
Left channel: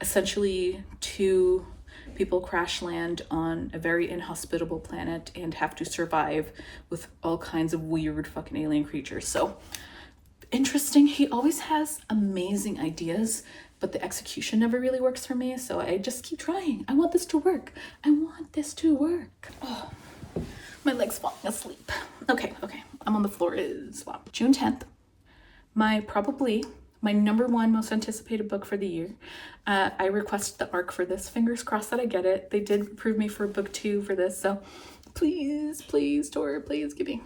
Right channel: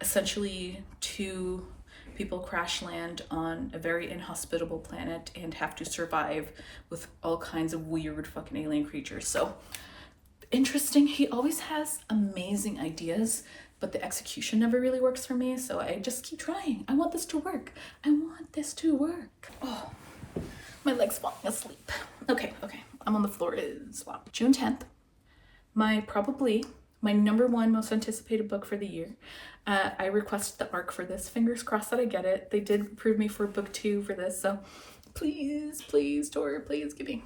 Essentially, two people crash land on a very inhospitable planet and have to survive with all kinds of weird fucking alien creatures. So interesting. He always has amazing ideas, but the execution never really works for me. So I just keep trying. I want this to work. Oh, my leg's falling asleep. Okay. I'm on the floor. Swap. June 10th. My number one most anticipated book for the year. I requested the ARC for this. Fingers crossed that I get it. They did approve me for book 2 for this, so please, Tor, please give me.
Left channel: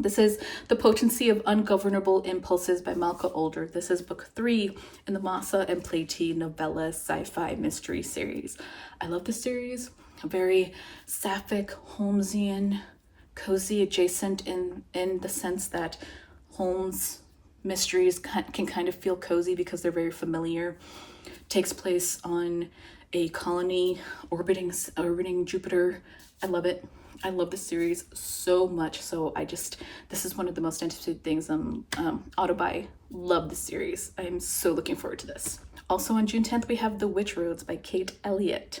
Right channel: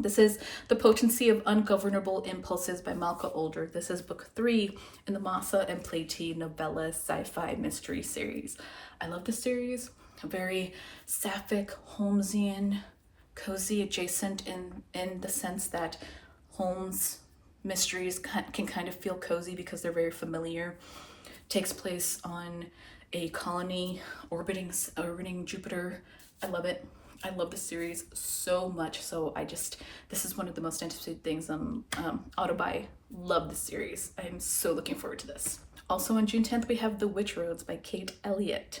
This is The Potency of Ungovernable Impulses by Malka Older. This is book 3 in the Masa and Platy novella sci-fi mystery series. I love this series. A very sapphic, Holmesian, cozy adjacent in the sense that Holmes mysteries can kind of feel cozy because they're very familiar. Takes place on a colony orbiting Jupiter. I love it. I love this series so much. So this is one of the most anticipated things. Auto buy. Love this series. I am so looking forward to this. Also on June 10th, we have The Witch Roads by Kate Elliott.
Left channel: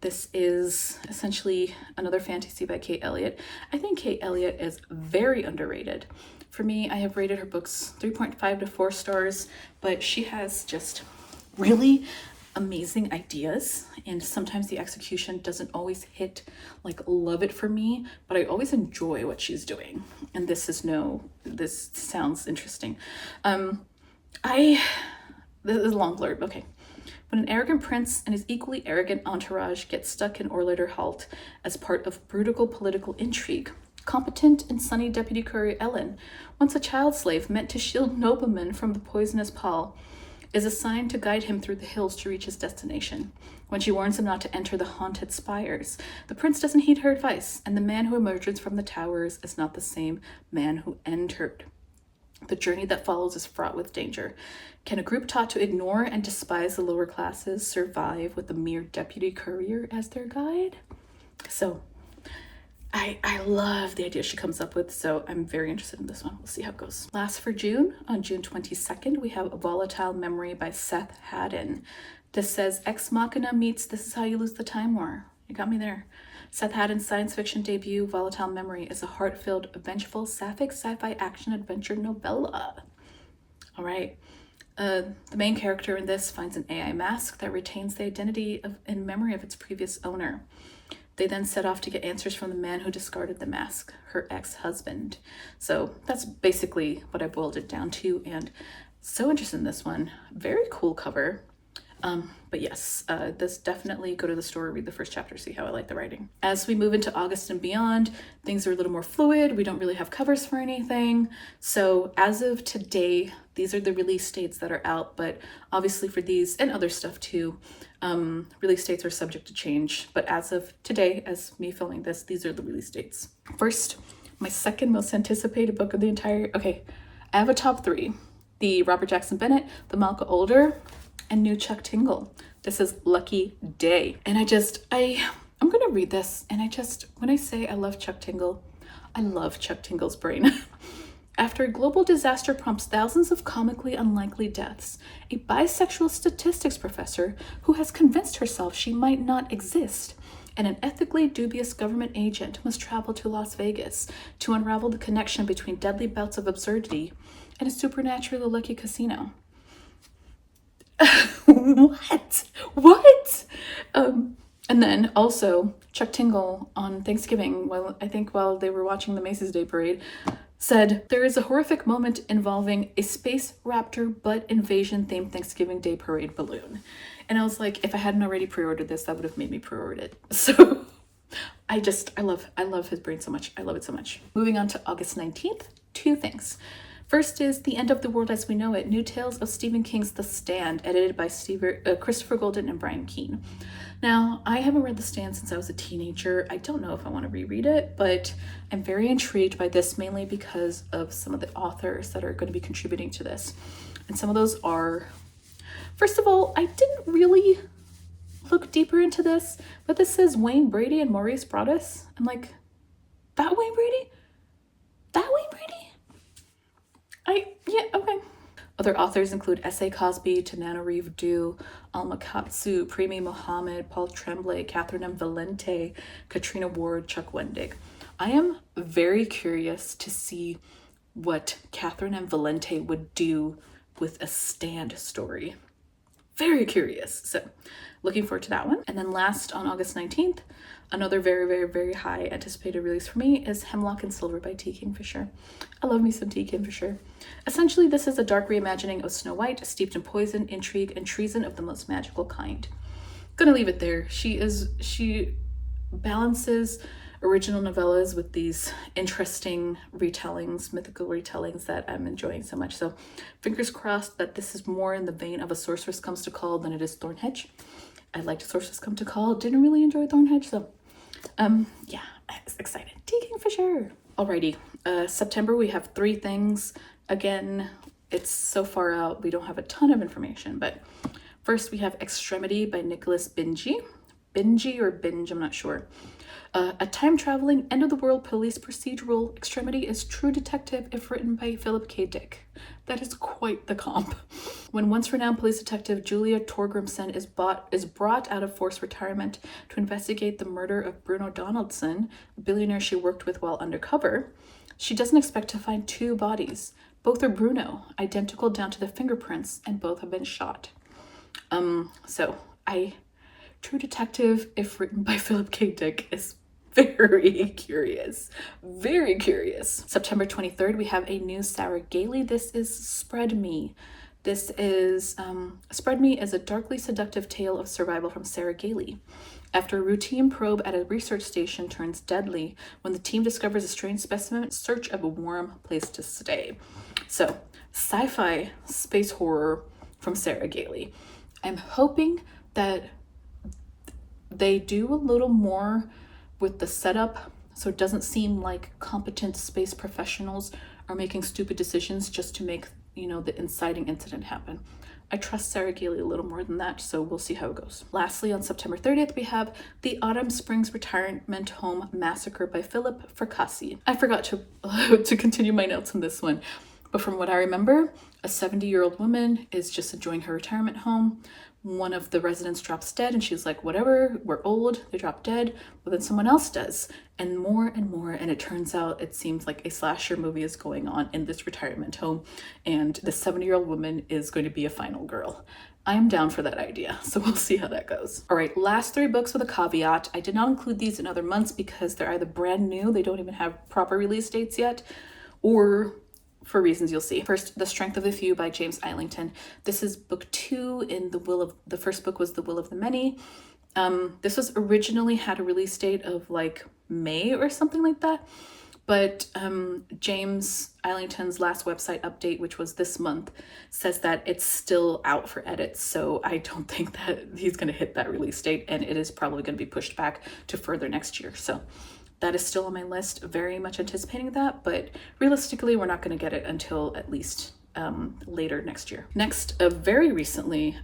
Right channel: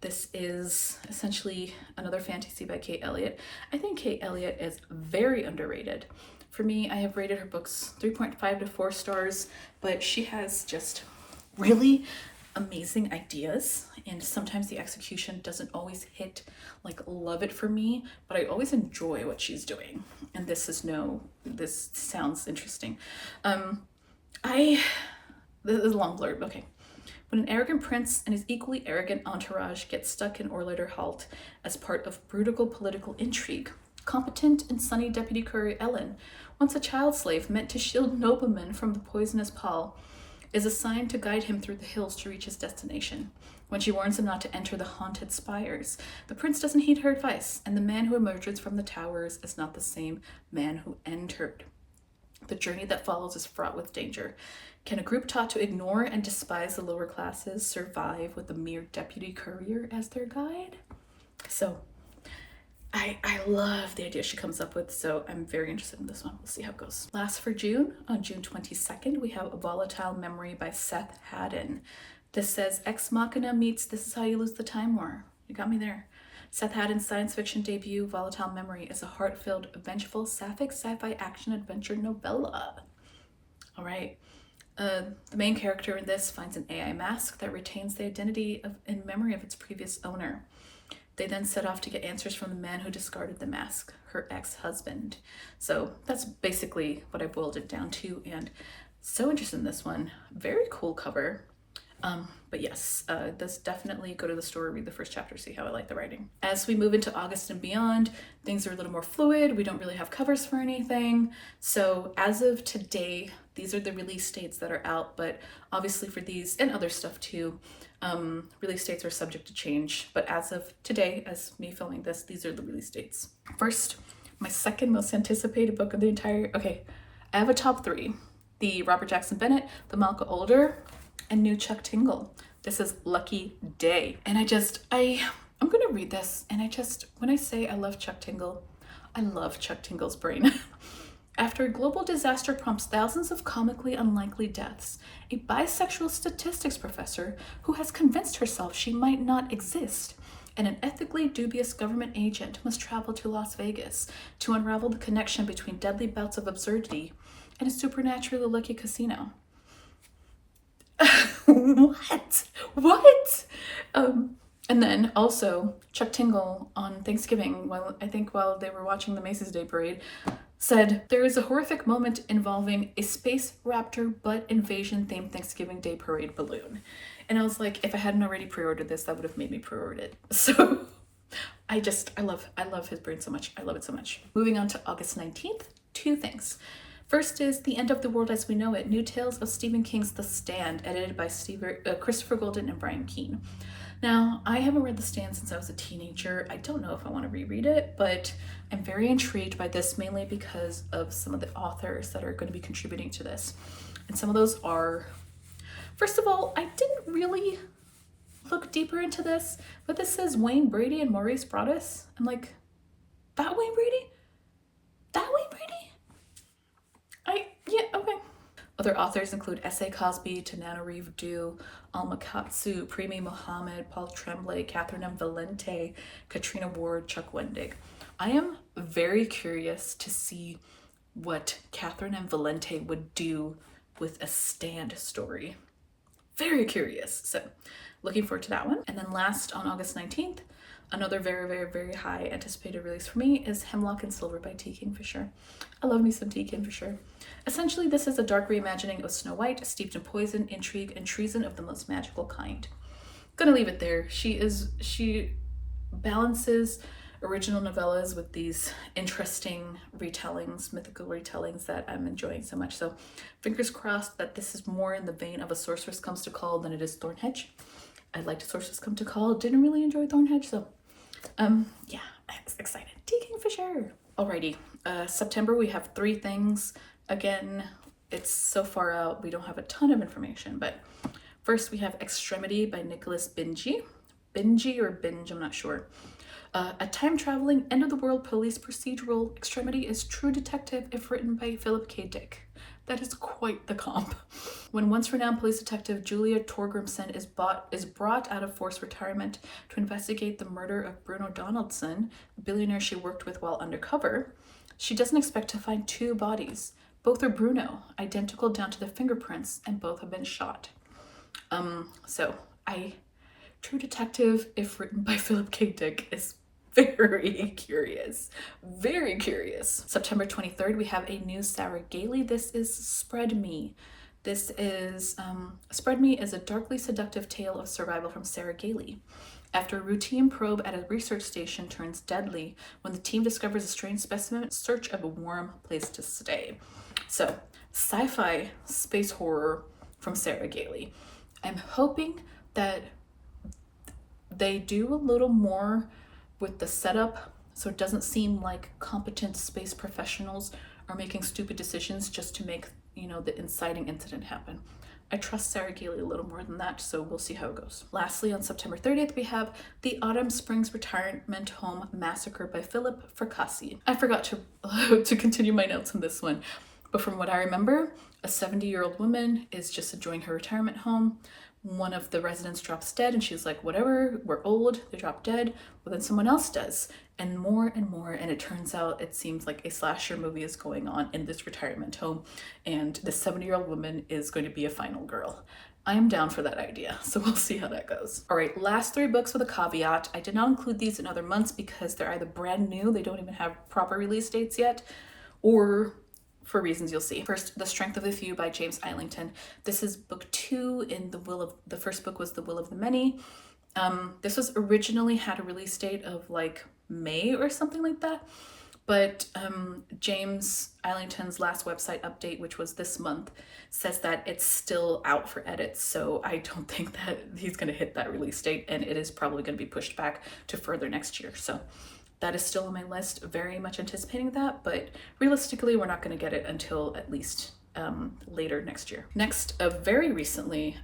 This is essentially another fantasy by Kate Elliott. I think Kate Elliott is very underrated. For me, I have rated her books 3.5 to 4 stars, but she has just really amazing ideas, and sometimes the execution doesn't always hit like love it for me, but I always enjoy what she's doing. And this sounds interesting. This is a long blurb. Okay. When an arrogant prince and his equally arrogant entourage get stuck in Orlader Halt as part of brutal political intrigue, competent and sunny Deputy Courier Ellen, once a child slave meant to shield noblemen from the poisonous Paul, is assigned to guide him through the hills to reach his destination. When she warns him not to enter the haunted spires, the prince doesn't heed her advice, and the man who emerges from the towers is not the same man who entered. The journey that follows is fraught with danger. Can a group taught to ignore and despise the lower classes survive with a mere deputy courier as their guide? So, I love the idea she comes up with, so I'm very interested in this one. We'll see how it goes. Last for June, on June 22nd, we have A Volatile Memory by Seth Haddon. This says, Ex Machina meets This Is How You Lose the Time War. You got me there. Seth Haddon's science fiction debut, Volatile Memory, is a heart-filled, vengeful, sapphic sci-fi action-adventure novella. All right. The main character in this finds an AI mask that retains the identity and memory of its previous owner. They then set off to get answers from the man who discarded the mask, her ex-husband. So that's basically what I boiled it down to, and so interested in this one. Very cool cover. But yes, this definitely go to the store, read the first chapter, see how I like the writing. As we move into August and beyond, things are a little more fluid. We don't really have covers for anything. So as of today, these are the release dates that are out, but obviously for these and other stuff too, release dates are subject to change. But as of today, as me filming this, these are the release dates. First, my second most anticipated book of the entire, okay, I have a top three. The Robert Jackson Bennett, the Malka Older, and new Chuck Tingle. This is Lucky Day. And I'm gonna read this, and when I say I love Chuck Tingle, I love Chuck Tingle's brain. After a global disaster prompts thousands of comically unlikely deaths, a bisexual statistics professor who has convinced herself she might not exist, and an ethically dubious government agent must travel to Las Vegas to unravel the connection between deadly bouts of absurdity and a supernaturally lucky casino. What? And then also Chuck Tingle on Thanksgiving, while they were watching the Macy's Day Parade, said, there is a horrific moment involving a space raptor butt invasion themed Thanksgiving Day Parade balloon. And I was like, if I hadn't already pre-ordered this, that would have made me pre-order it. So I love his brain so much. I love it so much. Moving on to August 19th, two things. First is The End of the World as We Know It, New Tales of Stephen King's The Stand, edited by Christopher Golden and Brian Keene. Now, I haven't read The Stand since I was a teenager. I don't know if I want to reread it, but I'm very intrigued by this, mainly because of some of the authors that are going to be contributing to this. And some of those are, first of all, I didn't really look deeper into this, but this says Wayne Brady and Maurice Broaddus. I'm like, that Wayne Brady? That Wayne Brady? Yeah, okay. Other authors include S.A. Cosby, Tananarive Due, Alma Katsu, Premi Mohammed, Paul Tremblay, Catherine M. Valente, Katrina Ward, Chuck Wendig. I am very curious to see what Catherine M. Valente would do with a Stand story. Very curious. So looking forward to that one. And then last, on August 19th, another very, very, very high anticipated release for me is Hemlock and Silver by T. Kingfisher. I love me some T. Kingfisher. Essentially, this is a dark reimagining of Snow White, steeped in poison, intrigue, and treason of the most magical kind. Gonna leave it there. She balances original novellas with these interesting retellings, mythical retellings that I'm enjoying so much. So fingers crossed that this is more in the vein of A Sorceress Comes to Call than it is Thornhedge. I liked Sorceress Come to Call, didn't really enjoy Thornhedge, so yeah, I'm excited. T. Kingfisher. Alrighty, September we have three things. Again, it's so far out, we don't have a ton of information, but first we have Extremity by Nicholas Binge. Binge or Binge, I'm not sure. A time-traveling, end-of-the-world police procedural, Extremity is true detective if written by Philip K. Dick. That is quite the comp. When once-renowned police detective Julia Torgrimson is brought out of forced retirement to investigate the murder of Bruno Donaldson, a billionaire she worked with while undercover, she doesn't expect to find two bodies. Both are Bruno, identical down to the fingerprints, and both have been shot. So True Detective, if written by Philip K. Dick, is very curious. Very curious. September 23rd, we have a new Sarah Gailey. This is Spread Me. This is Spread Me is a darkly seductive tale of survival from Sarah Gailey. After a routine probe at a research station turns deadly, when the team discovers a strange specimen in search of a warm place to stay. So, sci-fi space horror from Sarah Gailey. I'm hoping that they do a little more with the setup so it doesn't seem like competent space professionals are making stupid decisions just to make, the inciting incident happen. I trust Sarah Gailey a little more than that, so we'll see how it goes. Lastly, on September 30th, we have The Autumn Springs Retirement Home Massacre by Philip Fracassi. I forgot to continue my notes on this one, but from what I remember, a 70-year-old woman is just enjoying her retirement home. One of the residents drops dead and she's like, whatever, we're old, they drop dead, but then someone else does, and more, and it turns out it seems like a slasher movie is going on in this retirement home, and the 70-year-old woman is going to be a final girl. I am down for that idea, so we'll see how that goes. All right, last 3 books with a caveat. I did not include these in other months because they're either brand new, they don't even have proper release dates yet, or for reasons you'll see. First, The Strength of the Few by James Islington. This is book 2 in the first book was The Will of the Many. This was originally had a release date of like May or something like that, but James Islington's last website update, which was this month, says that it's still out for edits, so I don't think that he's going to hit that release date, and it is probably going to be pushed back to further next year. So that is still on my list, very much anticipating that, but realistically, we're not going to get it until at least later next year. Next, very recently,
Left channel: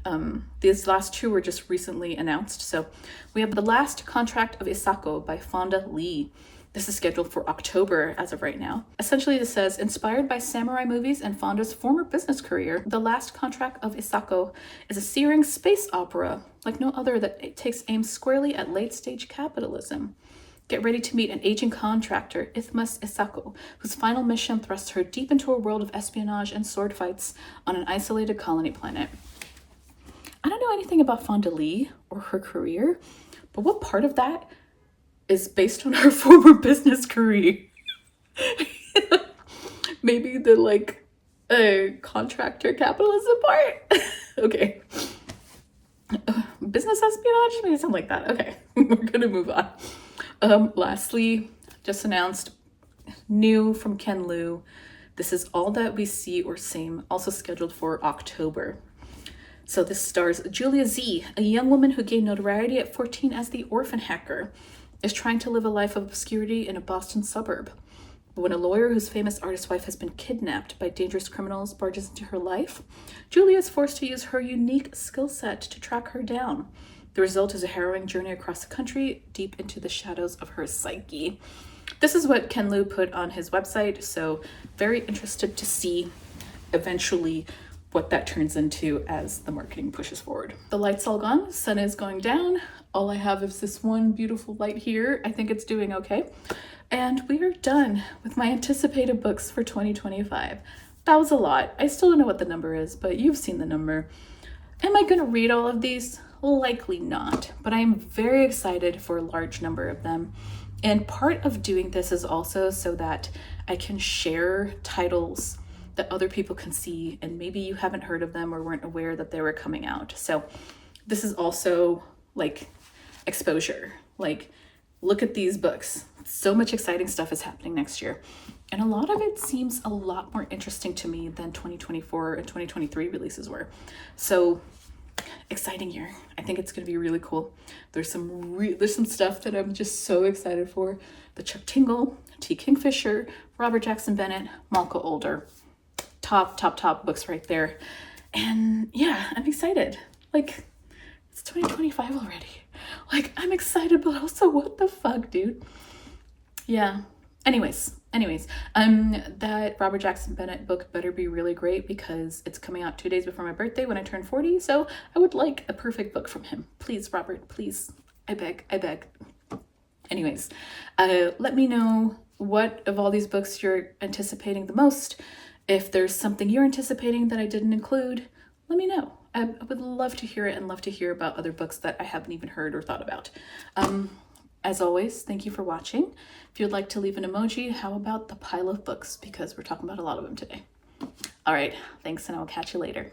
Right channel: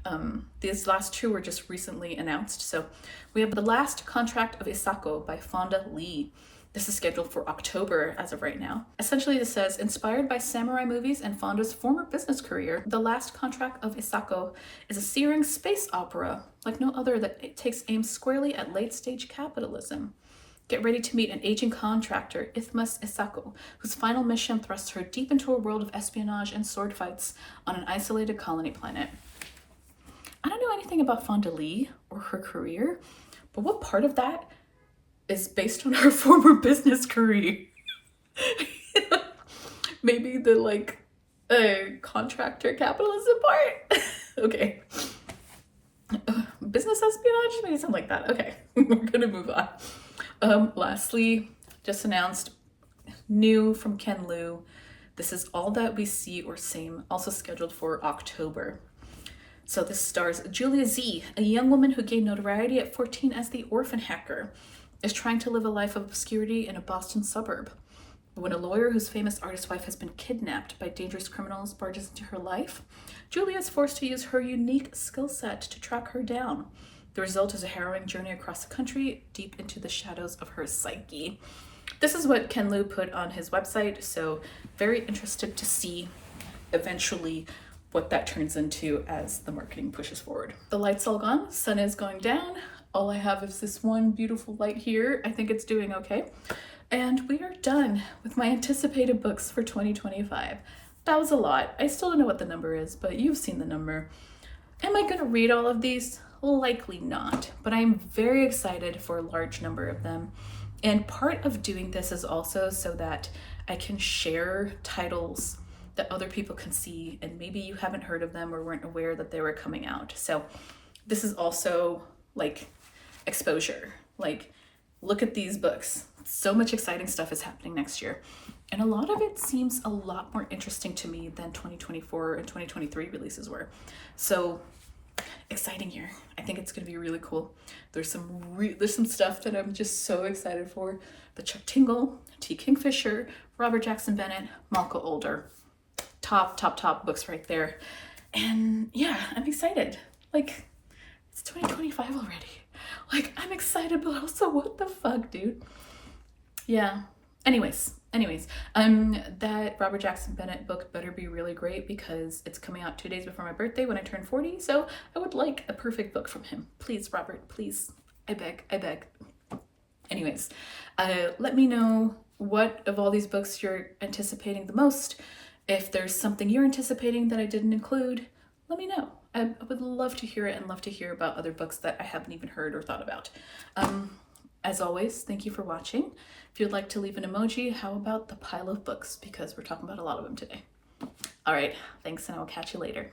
these last 2 were just recently announced. So we have The Last Contract of Isako by Fonda Lee. This is scheduled for October as of right now. Essentially, it says, inspired by samurai movies and Fonda's former business career, The Last Contract of Isako is a searing space opera like no other that takes aim squarely at late-stage capitalism. Get ready to meet an aging contractor, Ithmas Isako, whose final mission thrusts her deep into a world of espionage and sword fights on an isolated colony planet. I don't know anything about Fonda Lee or her career, but what part of that is based on her former business career? Maybe the contractor capitalism part? Okay. Business espionage? Maybe something like that. Okay, we're gonna move on. Lastly, just announced new from Ken Liu. This is All That We See or Same, also scheduled for October. So this stars Julia Z, a young woman who gained notoriety at 14 as the orphan hacker, is trying to live a life of obscurity in a Boston suburb. But when a lawyer whose famous artist wife has been kidnapped by dangerous criminals barges into her life, Julia is forced to use her unique skill set to track her down. The result is a harrowing journey across the country, deep into the shadows of her psyche. This is what Ken Liu put on his website, so very interested to see eventually what that turns into as the marketing pushes forward. The light's all gone, sun is going down. All I have is this one beautiful light here. I think it's doing okay. And we are done with my anticipated books for 2025. That was a lot. I still don't know what the number is, but you've seen the number. Am I going to read all of these? Likely not, but I am very excited for a large number of them. And part of doing this is also so that I can share titles that other people can see, and maybe you haven't heard of them or weren't aware that they were coming out. So this is also like exposure. Like, look at these books. So much exciting stuff is happening next year. And a lot of it seems a lot more interesting to me than 2024 and 2023 releases were. So exciting year. I think it's going to be really cool. There's some stuff that I'm just so excited for. The Chuck Tingle, T. Kingfisher, Robert Jackson Bennett, Malka Older. Top books right there. And yeah, I'm excited. Like, it's 2025 already. Like, I'm excited, but also what the fuck, dude? Yeah. Anyways, that Robert Jackson Bennett book better be really great because it's coming out 2 days before my birthday when I turn 40. So I would like a perfect book from him. Please, Robert, please. I beg. Anyways, let me know what of all these books you're anticipating the most. If there's something you're anticipating that I didn't include, let me know. I would love to hear it and love to hear about other books that I haven't even heard or thought about. As always, thank you for watching. If you'd like to leave an emoji, how about the pile of books? Because we're talking about a lot of them today. All right, thanks, and I will catch you later.